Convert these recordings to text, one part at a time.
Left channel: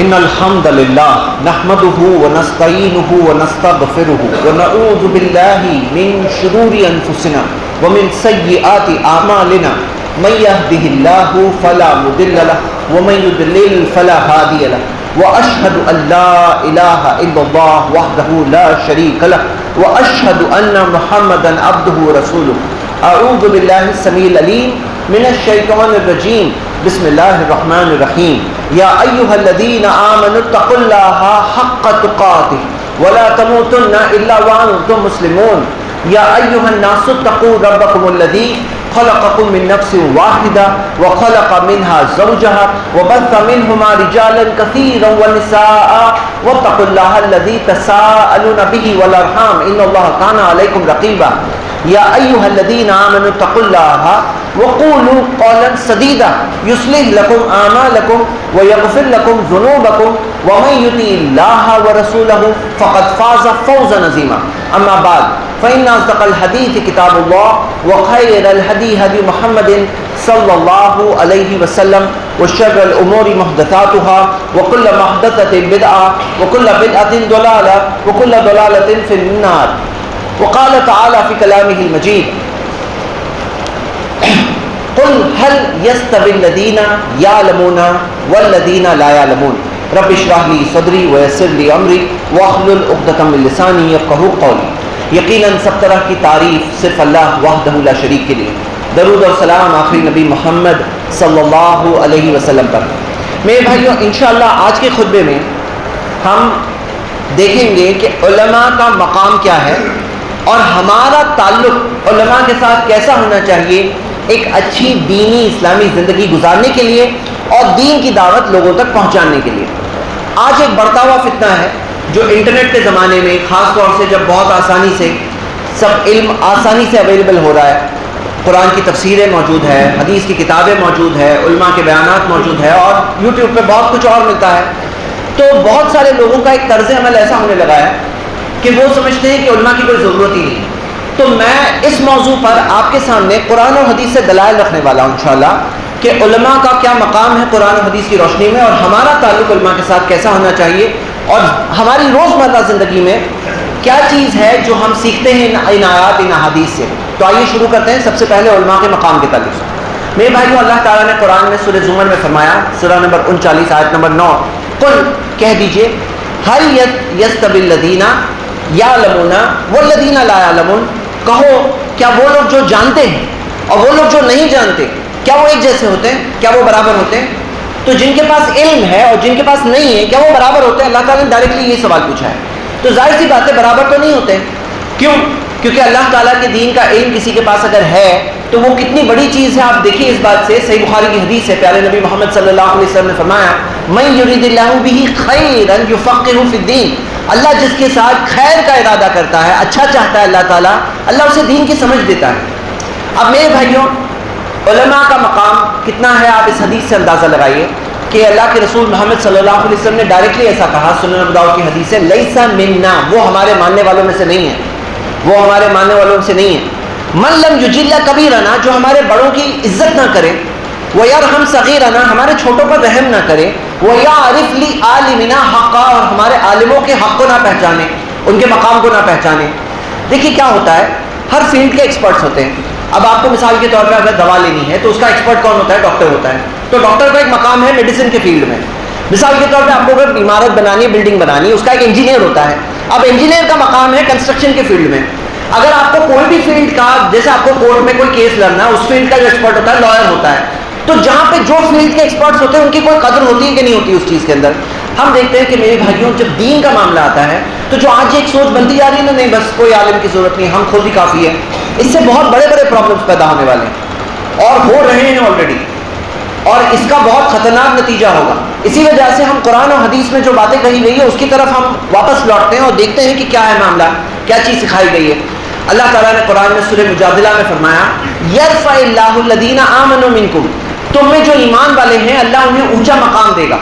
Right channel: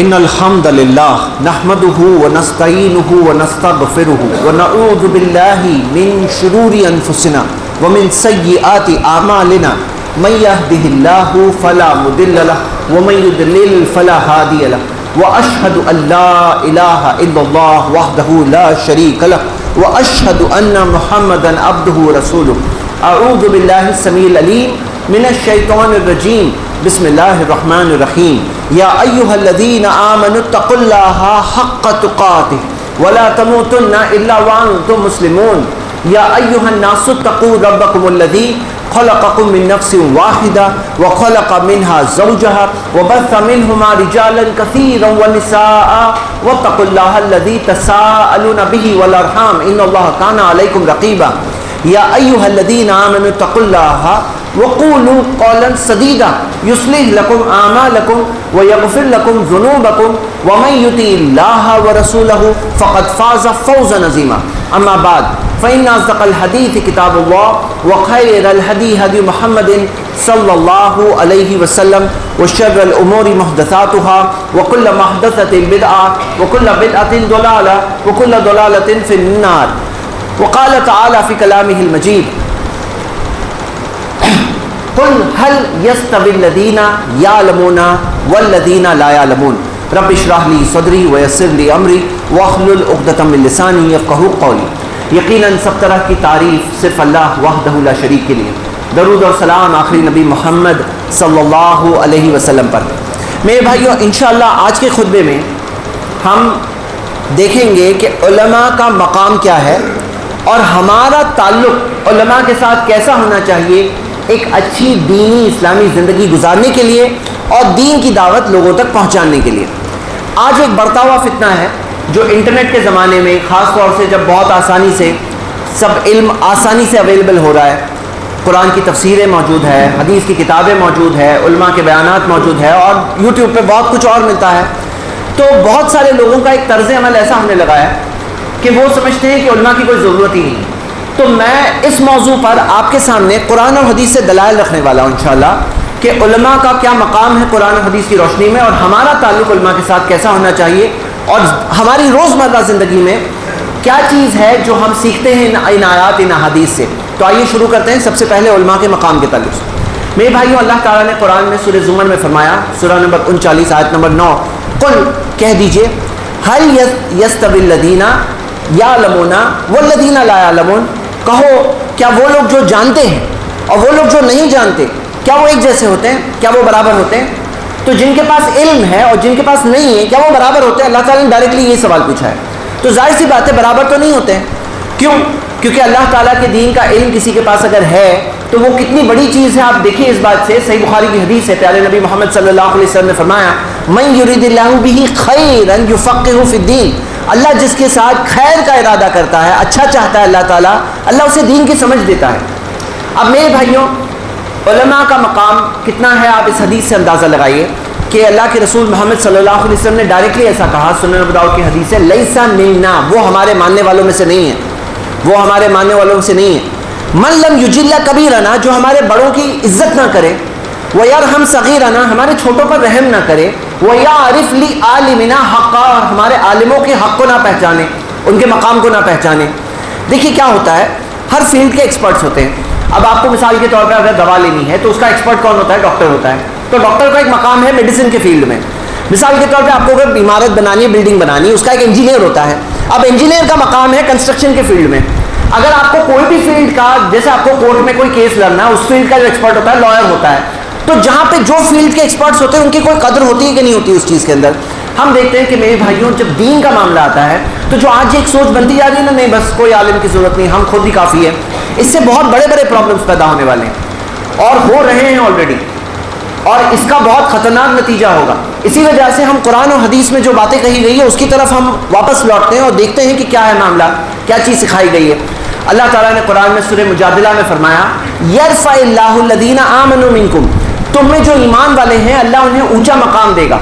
إن الحمد لله نحمده ونستعينه ونستغفره ونعوذ بالله من شرور أنفسنا ومن سيئات أعمالنا من يهده الله فلا مضل له ومن يضلل فلا هادي له وأشهد أن لا إله إلا الله وحده لا شريك له وأشهد أن محمدا عبده ورسوله. أعوذ بالله السميع العليم من الشيطان الرجيم. بسم الله الرحمن الرحيم. يا أيها الذين آمنوا اتقوا الله حق تقاته ولا تموتن إلا وأنتم مسلمون. يا أيها الناس اتقوا ربكم الذي خلقكم من نفس واحدة وخلق منها زوجها وبث منهما رجالا كثيرا ونساء واتقوا الله الذي تساءلون به والأرحام إن الله كان عليكم رقيبا. يا أيها الذين آمنوا اتقوا الله وقولوا قولا سديدا يصلح لكم أعمالكم ويغفر لكم ذنوبكم ومن يطع الله ورسوله فقد فاز فوزا عظيما. أما بعد فإن أصدق الحديث كتاب الله وخير الهدي هدي محمد صلى الله عليه وسلم وشر الأمور محدثاتها وكل محدثة بدعة وكل بدعة ضلالة وكل ضلالة في النار. وقال تعالى في كلامه المجيد قل هل يستوي الذين يعلمون والذين لا يعلمون رب اشرح لي صدری ويسر لي امری واحلل عقدۃ من لسانی یفقہوا قولی. یقیناً سب طرح کی تعریف صرف اللہ وحدہ لا شریک کے لیے. درود اور سلام آخری نبی محمد صلی اللہ علیہ وسلم پر. میرے بھائیوں انشاءاللہ آج کے خطبے میں ہم دیکھیں گے کہ علماء کا مقام کیا ہے اور ہمارا تعلق علماء کے ساتھ کیسا ہونا چاہیے ایک اچھی دینی اسلامی زندگی گزارنے کے لیے اور دین کی دعوت لوگوں تک پہنچانے کے لیے. آج ایک بڑھتا ہوا فتنہ ہے جو انٹرنیٹ کے زمانے میں خاص طور سے جب بہت آسانی سے سب علم آسانی سے اویلیبل ہو رہا ہے. قرآن کی تفسیریں موجود ہے, حدیث کی کتابیں موجود ہے, علماء کے بیانات موجود ہے اور یوٹیوب پہ بہت کچھ اور ملتا ہے. تو بہت سارے لوگوں کا ایک طرز عمل ایسا ہونے لگا ہے کہ وہ سمجھتے ہیں کہ علماء کی کوئی ضرورت ہی نہیں ہے. تو میں اس موضوع پر آپ کے سامنے قرآن و حدیث سے دلائل رکھنے والا ہوں انشاءاللہ کہ علماء کا کیا مقام ہے قرآن و حدیث کی روشنی میں اور ہمارا تعلق علماء کے ساتھ کیسا ہونا چاہیے اور ہماری روزمرہ زندگی میں کیا چیز ہے جو ہم سیکھتے ہیں ان آیات ان احادیث سے. تو آئیے شروع کرتے ہیں سب سے پہلے علماء کے مقام کے تعلق سے. میرے بھائیوں اللہ تعالیٰ نے قرآن میں سورہ زمر میں فرمایا, سورہ نمبر 39 آیت نمبر 9, قل کہہ دیجئے هل يستوي الذين يعلمون والذين لا يعلمون, کہو کیا وہ لوگ جو جانتے ہیں اور وہ لوگ جو نہیں جانتے کیا وہ ایک جیسے ہوتے ہیں, کیا وہ برابر ہوتے ہیں؟ تو جن کے پاس علم ہے اور جن کے پاس نہیں ہے کیا وہ برابر ہوتے ہیں؟ اللہ تعالیٰ نے ڈائریکٹلی یہ سوال پوچھا ہے. تو ظاہر سی بات ہے برابر تو نہیں ہوتے ہیں. کیوں؟ کیونکہ اللہ تعالیٰ کے دین کا علم کسی کے پاس اگر ہے تو وہ کتنی بڑی چیز ہے. آپ دیکھیے اس بات سے صحیح بخاری کی حدیث ہے, پیارے نبی محمد صلی اللہ علیہ وسلم نے فرمایا من یرید اللہ بہ خیرا یفقہہ فی الدین, اللہ جس کے ساتھ خیر کا ارادہ کرتا ہے, اچھا چاہتا ہے اللہ تعالیٰ, اللہ اسے دین کی سمجھ دیتا ہے. اب میرے بھائیوں علماء کا مقام کتنا ہے آپ اس حدیث سے اندازہ لگائیے کہ اللہ کے رسول محمد صلی اللہ علیہ وسلم نے ڈائریکٹلی ایسا کہا, سنن ابو داؤد کی حدیث ہے, لیسا منا, وہ ہمارے ماننے والوں میں سے نہیں ہے, وہ ہمارے ماننے والوں میں سے نہیں ہے. من لم یجل کبیرنا, جو ہمارے بڑوں کی عزت نہ کرے, ویرحم صغیرنا, ہمارے چھوٹوں پر رحم نہ کرے, ویعرف لعالمنا حقا, اور ہمارے عالموں کے حق کو نہ پہچانے, ان کے مقام کو نہ پہچانے. دیکھیے کیا ہوتا ہے, ہر فیلڈ کے ایکسپرٹس ہوتے ہیں. اب آپ کو مثال کے طور پر اگر دوا لینی ہے تو اس کا ایکسپرٹ کون ہوتا ہے؟ ڈاکٹر ہوتا ہے. تو ڈاکٹر کا ایک مقام ہے میڈیسن کے فیلڈ میں. مثال کے طور پہ آپ کو اگر عمارت بنانی ہے, بلڈنگ بنانی ہے, اس کا ایک انجینئر ہوتا ہے. اب انجینئر کا مقام ہے کنسٹرکشن کے فیلڈ میں. اگر آپ کو کوئی بھی فیلڈ کا, جیسے آپ کو کورٹ میں کوئی کیس لڑنا ہے, اس فیلڈ کا جو ایکسپرٹ ہوتا ہے لائر ہوتا ہے. تو جہاں پہ جو فیلڈ کے ایکسپرٹس ہوتے ہیں ان کی کوئی قدر ہوتی ہے کہ نہیں ہوتی اس چیز کے اندر. ہم دیکھتے ہیں کہ میرے بھائیوں جب دین کا معاملہ آتا ہے تو جو آج ایک سوچ بنتی جا رہی ہے نا, نہیں بس کوئی عالم کی ضرورت نہیں, ہم خود ہی کافی ہے, اس سے بہت بڑے بڑے پرابلمس پیدا ہونے والے ہیں اور ہو رہے ہیں آلریڈی, اور اس کا بہت خطرناک نتیجہ ہوگا. اسی وجہ سے ہم قرآن و حدیث میں جو باتیں کہی گئی ہے اس کی طرف ہم واپس لوٹتے ہیں اور دیکھتے ہیں کہ کیا ہے معاملہ, کیا چیز سکھائی گئی ہے. اللہ تعالیٰ نے قرآن میں سورہ مجادلہ میں فرمایا یرفع اللہ الذین آمنوا منکم, تم میں جو ایمان والے ہیں اللہ انہیں اونچا مقام دے گا,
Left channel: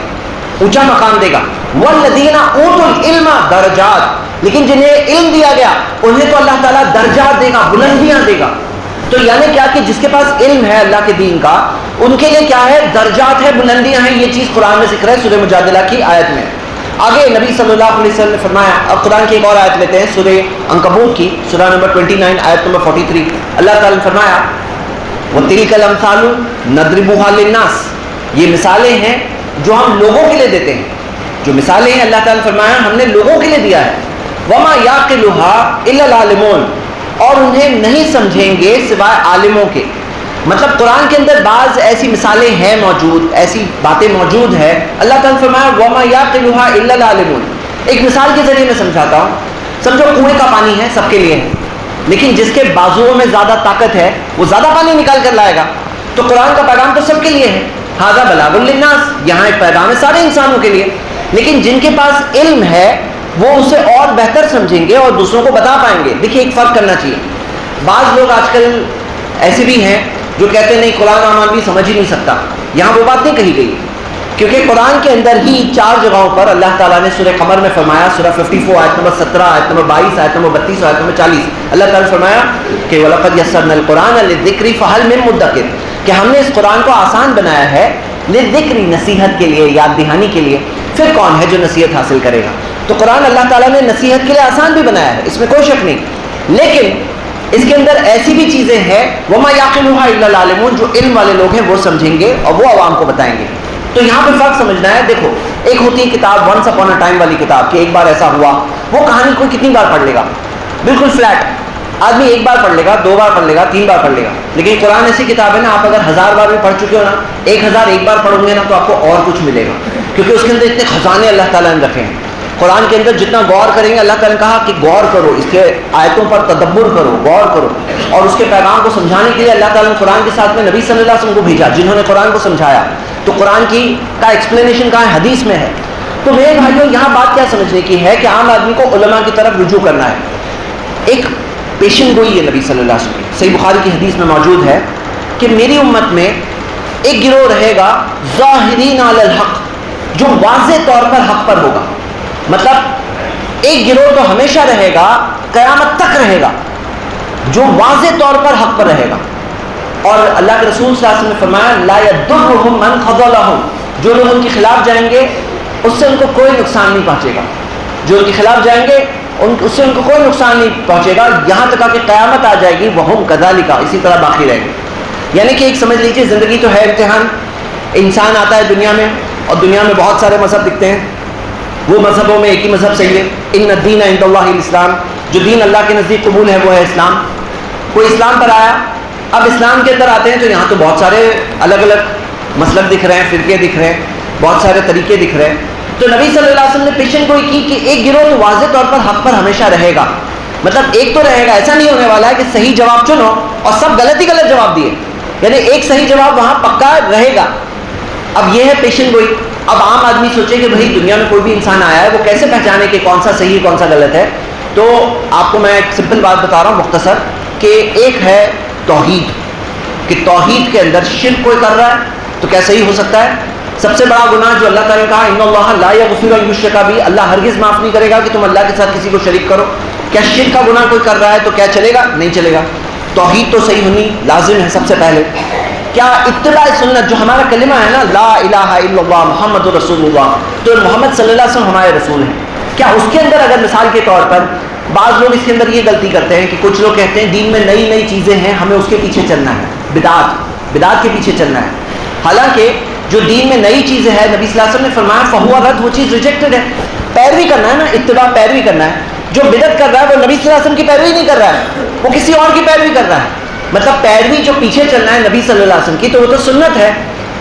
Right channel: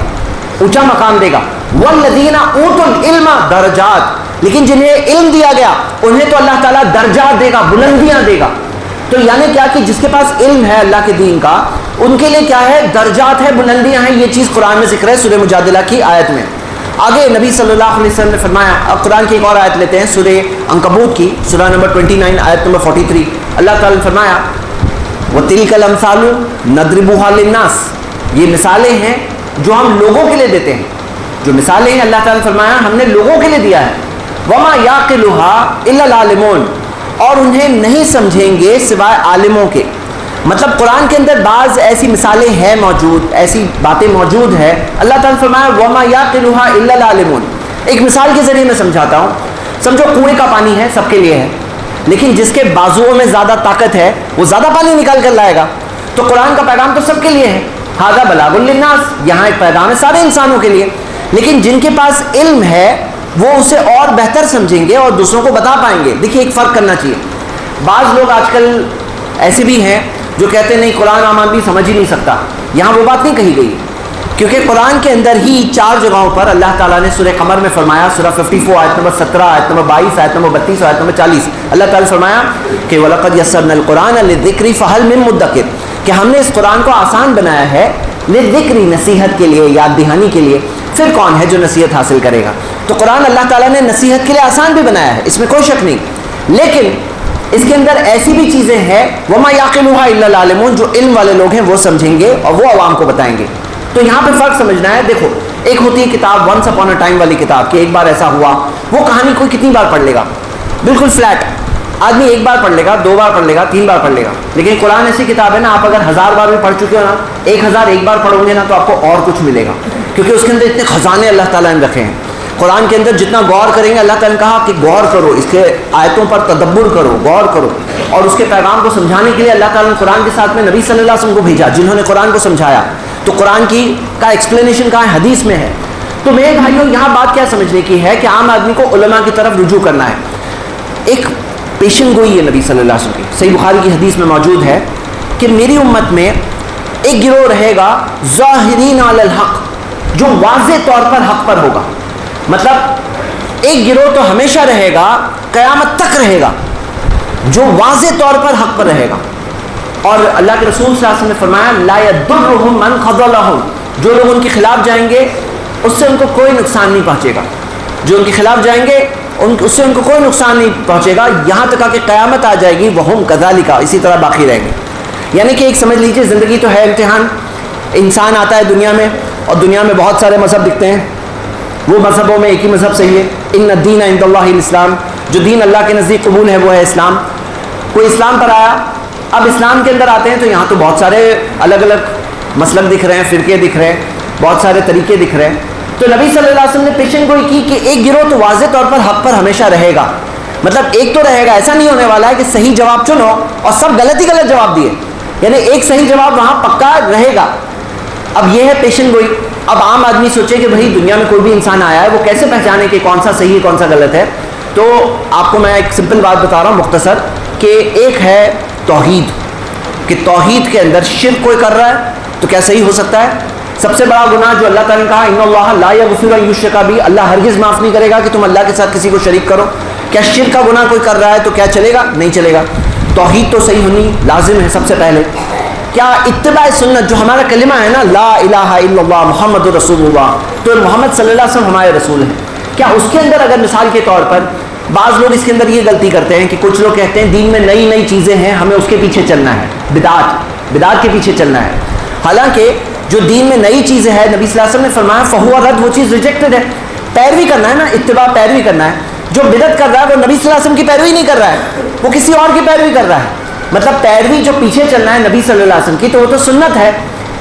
اونچا مقام دے گا. والذین اوتوا العلم درجات, لیکن جنہیں علم دیا گیا انہیں تو اللہ تعالیٰ درجات دے گا, بلندیاں دے گا. تو یعنی کیا کہ جس کے پاس علم ہے اللہ کے دین کا ان کے لیے کیا ہے؟ درجات ہے، بلندیاں ہیں. یہ چیز قرآن میں ذکر ہے سورہ مجادلہ کی آیت میں. آگے نبی صلی اللہ علیہ وسلم نے فرمایا. اب قرآن کی ایک اور آیت لیتے ہیں سورہ عنکبوت کی، سورہ نمبر 29 آیت نمبر 43. اللہ تعالیٰ نے فرمایا وَتِلْكَ الْأَمْثَالُ نَضْرِبُهَا لِلنَّاسِ، یہ مثالیں ہیں جو ہم لوگوں کے لیے دیتے ہیں. جو مثالیں ہیں اللہ تعالیٰ نے فرمایا ہم نے لوگوں کے لیے دیا ہے. وَمَا يَعْقِلُهَا إِلَّا الْعَالِمُونَ، اور انہیں نہیں سمجھیں گے سوائے عالموں کے. مطلب قرآن کے اندر بعض ایسی مثالیں ہیں موجود، ایسی باتیں موجود ہیں. اللہ تعالیٰ نے فرمایا وَمَا يَعْقِلُهَا إِلَّا الْعَالِمُونَ. ایک مثال کے ذریعے میں سمجھاتا ہوں. سمجھو کنویں کا پانی ہے، سب کے لیے ہے، لیکن جس کے بازوؤں میں زیادہ طاقت ہے وہ زیادہ پانی نکال کر لائے گا. تو قرآن کا پیغام تو سب کے لیے ہے، ھذا بلاغ للناس، یہاں ایک پیغام ہے سارے انسانوں کے لیے. لیکن جن کے پاس علم ہے وہ اسے اور بہتر سمجھیں گے اور دوسروں کو بتا پائیں گے. دیکھیے ایک فرق کرنا چاہیے. بعض لوگ آج کل ایسے بھی ہیں جو کہتے ہیں نہیں قرآن عام آدمی سمجھ ہی نہیں سکتا. یہاں وہ بات نہیں کہی گئی، کیونکہ قرآن کے اندر ہی 4 جگہوں پر اللہ تعالیٰ نے سورہ قمر میں فرمایا، سورہ 54 آیت نمبر 17 آیت نمبر 22 آیت نمبر 32 آیت نمبر 40، اللہ تعالیٰ نے فرمایا کہ وَلَقَدْ يَسَّرْنَا الْقُرْآنَ لِلذِّكْرِ فَهَلْ مِن مُدَّكِرٍ، کہ ہم نے اس قرآن کو آسان بنایا ہے للذکر، نصیحت کے لیے، یاد دہانی کے لیے. پھر کون ہے جو نصیحت حاصل کرے گا؟ تو قرآن اللہ تعالیٰ نے نصیحت کے لیے آسان بھی بنایا ہے، اس میں کوئی شک نہیں. لیکن اس کے اندر ایسی بھی چیزیں ہیں وَمَا يَعْقِلُهَا إِلَّا الْعَالِمُونَ، جو علم والے لوگ ہیں وہ سمجھیں گے اور وہ عوام کو بتائیں گے. تو یہاں پہ فرق سمجھنا ہے. دیکھو ایک ہوتی ہے کتاب ونس اپون اے ٹائم والی کتاب، کہ ایک بار ایسا ہوا، وہ کہانی کوئی کتنی بار پڑھ لے گا، بالکل فلیٹ آدمی ایک بار پڑھ لے گا، 2 بار پڑھ لے گا، 3 بار پڑھ لے گا. لیکن قرآن ایسی کتاب ہے نا، آپ اگر 1000 بار بھی پڑھ چکے ہو نا، 1000 ایک بار پڑھو گے نا تو آپ کو اور کچھ ملے گا، کیونکہ اس کے اندر اتنے خزانے اللہ تعالیٰ نے رکھے ہیں. قرآن کے اندر جتنا غور کریں گے، اللہ تعالیٰ نے کہا کہ غور کرو، اس کے آیتوں پر تدبر کرو، غور کرو. اور اس کے پیغام کو سمجھانے کے لیے اللہ تعالیٰ نے قرآن کے ساتھ میں نبی صلی اللہ علیہ وسلم کو بھیجا جنہوں نے قرآن کو سمجھایا. تو قرآن کی کا ایکسپلینیشن کہاں ہے؟ حدیث میں ہے. تو میرے بھائیوں یہاں بات کیا سمجھنے کی ہے کہ عام آدمی کو علماء کی طرف رجوع کرنا ہے. ایک پیشن گوئی ہے نبی صلی اللہ علیہ وسلم کی، صحیح بخاری کی حدیث میں موجود ہے کہ میری امت میں ایک گروہ رہے گا ظاہرین علی الحق، جو واضح طور پر حق پر ہوگا. مطلب ایک گروہ تو ہمیشہ رہے گا، قیامت تک رہے گا، جو واضح طور پر حق پر رہے گا. اور اللہ کے رسول صلی اللہ علیہ وسلم نے فرمایا لا یضرهم من خذلهم، جو لوگ ان کے خلاف جائیں گے اس سے ان کو کوئی نقصان نہیں پہنچے گا. جو ان کے خلاف جائیں گے اس سے ان کو کوئی نقصان نہیں پہنچے گا، یہاں تک کہ قیامت آ جائے گی وہم کذالک، اسی طرح باقی رہیں گے. یعنی کہ ایک سمجھ لیجیے زندگی تو ہے امتحان. انسان آتا ہے دنیا میں اور دنیا میں بہت سارے مذہب دکھتے ہیں، وہ مذہبوں میں ایک ہی مذہب صحیح ہے، ان الدین عند اللہ الاسلام، جو دین اللہ کے نزدیک قبول ہے وہ ہے اسلام. کوئی اسلام پر آیا، اب اسلام کے اندر آتے ہیں تو یہاں تو بہت سارے الگ الگ مسلک دکھ رہے ہیں، فرقے دکھ رہے ہیں، بہت سارے طریقے دکھ رہے ہیں. تو نبی صلی اللہ علیہ وسلم نے پیشن گوئی کی کہ ایک گروہ تو واضح طور پر حق پر ہمیشہ رہے گا. مطلب ایک تو رہے گا، ایسا نہیں ہونے والا ہے کہ صحیح جواب چنو اور سب غلط ہی غلط جواب دیے، یعنی ایک صحیح جواب وہاں پکا رہے گا. اب یہ ہے پیشن گوئی. اب عام آدمی سوچے کہ بھائی دنیا میں کوئی بھی انسان آیا ہے، وہ کیسے پہچانے کہ کون سا صحیح ہے کون سا غلط ہے. تو آپ کو میں ایک سمپل بات بتا رہا ہوں مختصر، کہ ایک ہے توحید، کہ توحید کے اندر شرک کوئی کر رہا ہے تو کیا صحیح ہو سکتا ہے؟ سب سے بڑا گناہ جو اللہ تعالیٰ نے کہا ان اللہ لا یغفر ان یشرک بہ، اللہ ہرگز معاف نہیں کرے گا کہ تم اللہ کے ساتھ کسی کو شریک کرو. کیا شرک کا گناہ کوئی کر رہا ہے تو کیا چلے گا؟ نہیں چلے گا. توحید تو صحیح ہونی لازم ہے سب سے پہلے. کیا اتباع سنت، جو ہمارا کلمہ ہے نا لا الہ الا اللہ محمد رسول اللہ، تو محمد صلی اللہ علیہ وسلم ہمارے رسول ہیں، کیا اس کے اندر اگر مثال کے طور پر بعض لوگ اس کے اندر یہ غلطی کرتے ہیں کہ کچھ لوگ کہتے ہیں دین میں نئی نئی چیزیں ہیں ہمیں اس کے پیچھے چلنا ہے، بدعات کے پیچھے چلنا ہے. حالانکہ جو دین میں نئی چیزیں ہیں نبی صلی اللہ علیہ وسلم نے فرمایا فہو رد، وہ چیز ریجیکٹڈ ہے. پیروی کرنا ہے نا، اتباع پیروی کرنا ہے. جو بدعت کر رہا ہے وہ نبی صلی اللہ علیہ وسلم کی پیروی نہیں کر رہا ہے، وہ کسی اور کی پیروی کر رہا ہے. مطلب پیروی جو پیچھے چلنا ہے نبی صلی اللہ علیہ وسلم کی، تو وہ تو سنت ہے.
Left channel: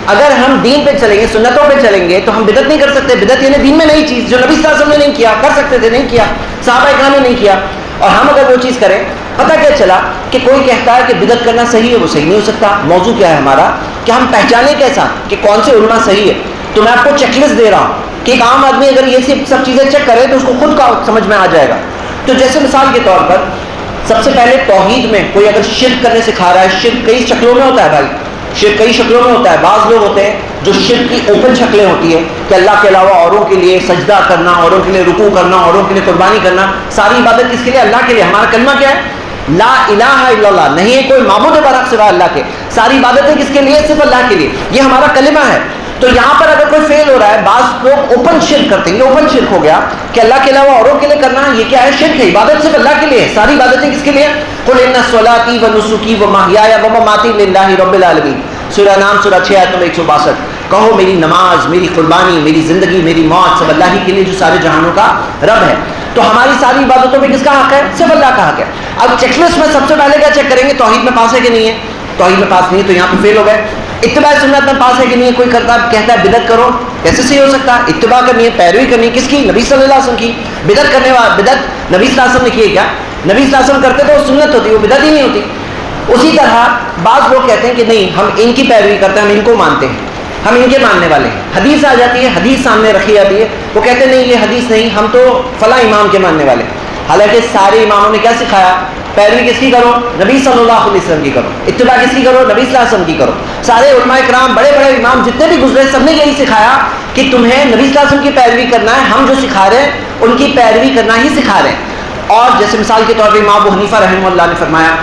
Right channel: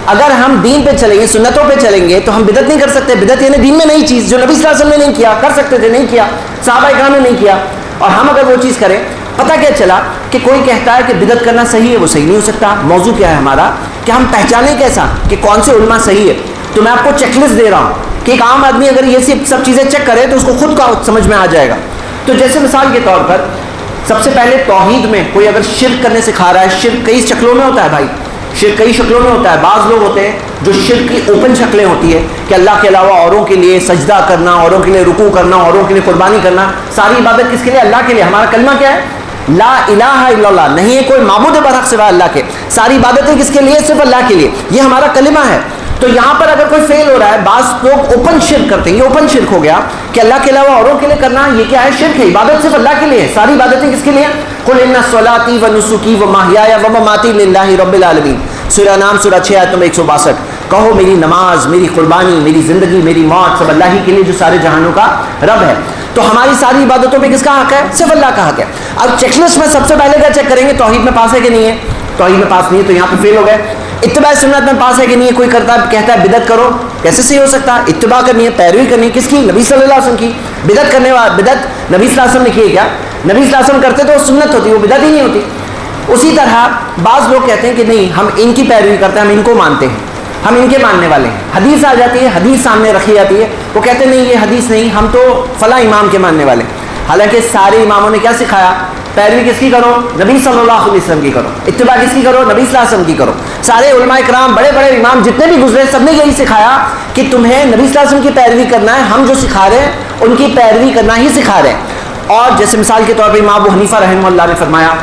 اگر ہم دین پہ چلیں گے، سنتوں پہ چلیں گے تو ہم بدعت نہیں کر سکتے. بدعت یعنی دین میں نئی چیز جو نبی صلی اللہ علیہ وسلم نے نہیں کیا، کر سکتے تھے نہیں کیا، صحابہ کرام نے نہیں کیا، اور ہم اگر وہ چیز کریں. پتہ کیا چلا کہ کوئی کہتا ہے کہ بدعت کرنا صحیح ہے، وہ صحیح نہیں ہو سکتا. موضوع کیا ہے ہمارا کہ ہم پہچانیں کیسا کہ کون سے علماء صحیح ہے. تو میں آپ کو چیک لسٹ دے رہا ہوں کہ ایک عام آدمی اگر یہ سب چیزیں چیک کرے تو اس کو خود کا سمجھ میں آ جائے گا. تو جیسے مثال کے طور پر سب سے پہلے توحید میں کوئی اگر شرک کرنے سکھا رہا ہے، شرک کئی شکلوں میں ہوتا ہے بھائی، شرک کئی شکلوں میں ہوتا ہے. بعض لوگ ہوتے ہیں جو شرک کی اوپن شکلیں ہوتی ہے کہ اللہ کے علاوہ اوروں کے لیے سجدہ کرنا، اوروں کے لیے رکوع کرنا، اوروں کے لیے قربانی کرنا. ساری عبادت کس کے لیے؟ اللہ کے لیے. ہمارا کلمہ کیا ہے؟ لا الہ الا اللہ, نہیں ہے کوئی معبود برحق سوائے اللہ کے, ساری عبادتیں کس کے لیے؟ صرف اللہ کے لیے, یہ ہمارا کلمہ ہے. تو یہاں پر اگر کوئی فیل ہو رہا ہے, بعض لوگ اوپن شرک کرتے ہیں, یہ اوپن شرک ہو گیا کہ اللہ کے علاوہ اوروں کے لیے کرنا, یہ کیا ہے؟ شرک ہے. عبادت صرف اللہ کے لیے ہے, ساری عبادتیں کس کے لیے؟ قل ان صلاتي ونسكي ومحياي ومماتي لله رب العالمین, سورہ نام سورہ 6 آیت نمبر 162. کہو میری نماز, میری قربانی, میری زندگی, میری موت سب اللہ ہی کے لیے جو سارے جہانوں کا رب ہے. تو ہماری ساری عبادتوں میں کس کا حق ہے؟ صرف اللہ کا حق ہے. اب چیک لسٹ میں سب سے پہلے کیا چیک کریں گے؟ توحید میں پاس ہے کہ نہیں ہے؟ توحید میں پاس نہیں ہے تو یہاں پہ فیل ہو گئے. اتباع سنت میں پاس ہے کہ نہیں ہے؟ کوئی کرتا ہے کہتا ہے بدعت کرو, کیسے صحیح ہو سکتا ہے؟ اتباع کرنی ہے, پیروی کرنی ہے, کس کی؟ نبی صلی اللہ علیہ وسلم کی. بدعت کرنے والا, بدعت نبی صلی اللہ علیہ وسلم نے کی ہے کیا؟ نبی صلی اللہ علیہ وسلم کرتے تو وہ سنت ہوتی, وہ بدعت ہی نہیں ہوتی. اسی طرح بعض لوگ کہتے ہیں کہ نہیں ہم ان کی پیروی کرتے ہیں, ہم ان کو مانتے ہیں, ہم ان کے ماننے والے ہیں. حدیث آ جاتی ہے, حدیث سامنے رکھی جاتی ہے, وہ کہتے ہیں نہیں یہ حدیث نہیں, ہم تو فلاں امام کے ماننے والے ہیں. حالانکہ سارے اماموں نے کیا سکھایا؟ پیروی کس کی کرو؟ نبی صلی اللہ علیہ وسلم کی کرو. اتباع کس کی کرو؟ نبی صلی اللہ علیہ وسلم کی کرو. سارے علماء کرام, بڑے بڑے امام جتنے بھی گزرے, سب نے یہی سکھایا کہ تمہیں نبی صلی اللہ علیہ وسلم کی پیروی کرنا ہے, ہم جو سکھا رہے ہیں ان کی پیروی کرنا ہی سکھا رہے ہیں. اور جیسے مثال کے طور پہ امام ابو حنیفہ رحمہ اللہ نے فرمایا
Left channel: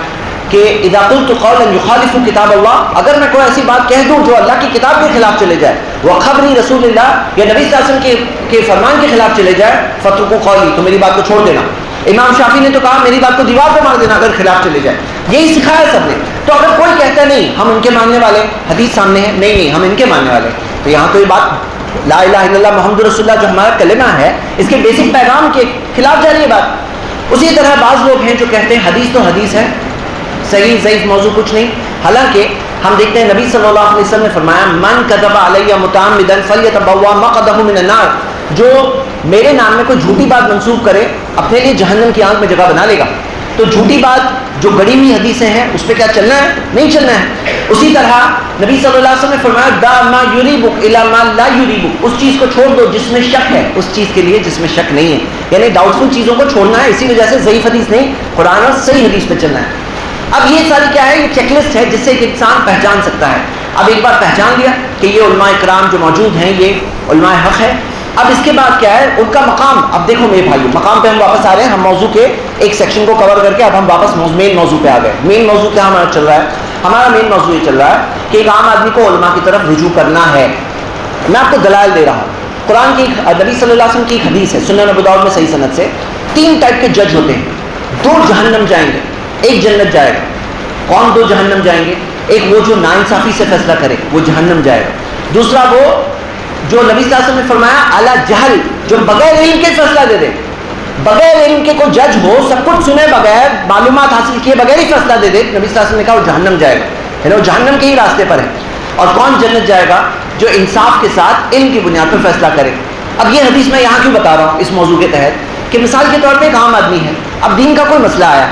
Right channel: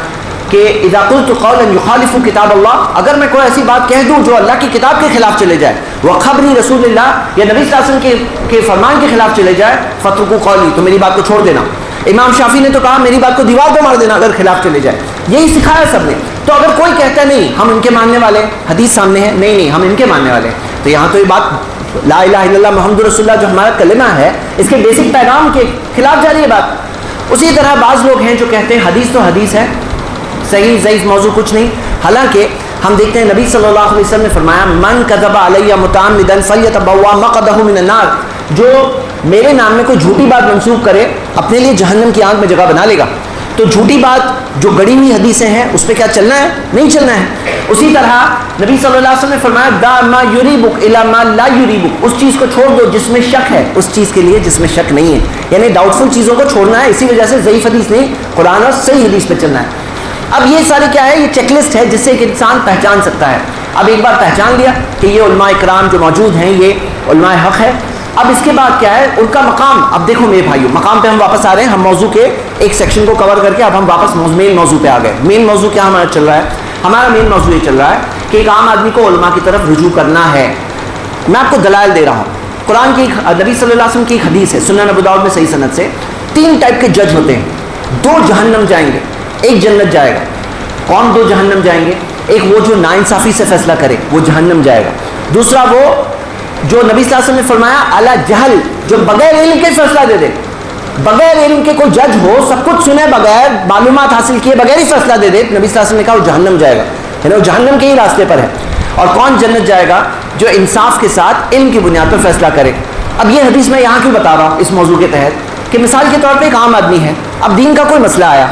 کہ اذا قلت قولا يخالف کتاب اللہ, اگر میں کوئی ایسی بات کہہ دوں جو اللہ کی کتاب کے خلاف چلے جائے, وخبرنی رسول اللہ, یا نبی صلی اللہ علیہ وسلم کے فرمان کے خلاف چلے جائے, فترکوا قولی, تو میری بات کو چھوڑ دینا. امام شافعی نے تو کہا میری بات کو دیوار پہ مار دینا اگر خلاف چلے جائے. یہی سکھایا سب نے. تو اگر کوئی کہتا ہے نہیں ہم ان کے ماننے والے, حدیث سامنے ہے, نہیں نہیں ہم ان کے ماننے والے, تو یہاں تو یہ بات لا الہ الا اللہ محمد رسول اللہ جو ہمارا کلمہ ہے, اس کے بیسک پیغام کے خلاف جا رہی ہے بات. اسی طرح بعض لوگ ہیں جو کہتے ہیں حدیث تو حدیث ہے, صحیح ضعیف موضوع کچھ نہیں. حالانکہ ہم دیکھتے ہیں نبی صلی اللہ علیہ وسلم نے فرمایا من کذب علی متعمدا فلیتبوا مقعدہ من النار, جو میرے نام میں کوئی جھوٹی بات منسوب کرے اپنے لیے جہنم کی آگ میں جگہ بنا لے گا. تو جھوٹی بات جو گڑی ہوئی حدیثیں ہیں اس پہ کیا چلنا ہے؟ نہیں چلنا ہے. اسی طرح نبی صلی اللہ علیہ وسلم نے فرمایا دا ما یریبک الی ما لا یریبک, اس چیز کو چھوڑ دو جس میں شک ہے, اس چیز کے لیے جس میں شک نہیں ہے. یعنی ڈاؤٹ فل چیزوں کو چھوڑنا ہے. اسی وجہ سے ضعیف حدیث نہیں, قرآن اور صحیح حدیث پہ چلنا ہے. اب یہ ساری کیا ہے؟ یہ چیک لسٹ ہے جس سے ایک انسان پہچان سکتا ہے. اب ایک بار پہچان لیا کہ یہ علماء کرام جو موجود ہیں یہ علماء حق ہے, اب اس کے بعد کیا ہے ان کا مقام. اب دیکھو میرے بھائیو, مقام پہ ہم واپس آ رہے ہیں. ہم موضوع کے ایک سیکشن کو کور کر کے اب ہم واپس مین موضوع پہ آ گئے. مین موضوع کیا ہمارا چل رہا ہے؟ ہمارا مین موضوع یہ چل رہا ہے کہ ایک عام آدمی کو علماء کی طرف رجوع کرنا ہے. میں آپ کو دلائل دے رہا ہوں. قرآن کی نبی صلی اللہ علیہ وسلم کی ایک حدیث ہے سنن ابو داؤد میں صحیح سند سے, 3 ٹائپ کے جج ہوتے ہیں. 2 جہنم جائیں گے, 1 جنت جائے گا. کون 2 جہنم جائیں گے؟ ایک وہ جو ناانصافی سے فیصلہ کرے, وہ جہنم جائے گا. دوسرا وہ جو نبی صلی اللہ علیہ وسلم نے فرمایا اعلیٰ جہل, جو بغیر علم کے فیصلہ دے دے, بغیر علم کے کوئی جج ہو, سب کچھ سنے بغیر, معلومات حاصل کیے بغیر ہی فیصلہ دے دے, نبی صلی اللہ علیہ وسلم نے کہا وہ جہنم جائے گا. یعنی وہ جہنم کے ہی راستے پر ہے. اور کون جنت جائے گا؟ جو انصاف کے ساتھ علم کی بنیاد پر فیصلہ کرے. اب یہ حدیث میں یہاں کیوں بتا رہا ہوں اس موضوع کے تحت کہ مثال کے طور پہ ایک عام آدمی ہے, اب دین کا کوئی مسئلہ آیا,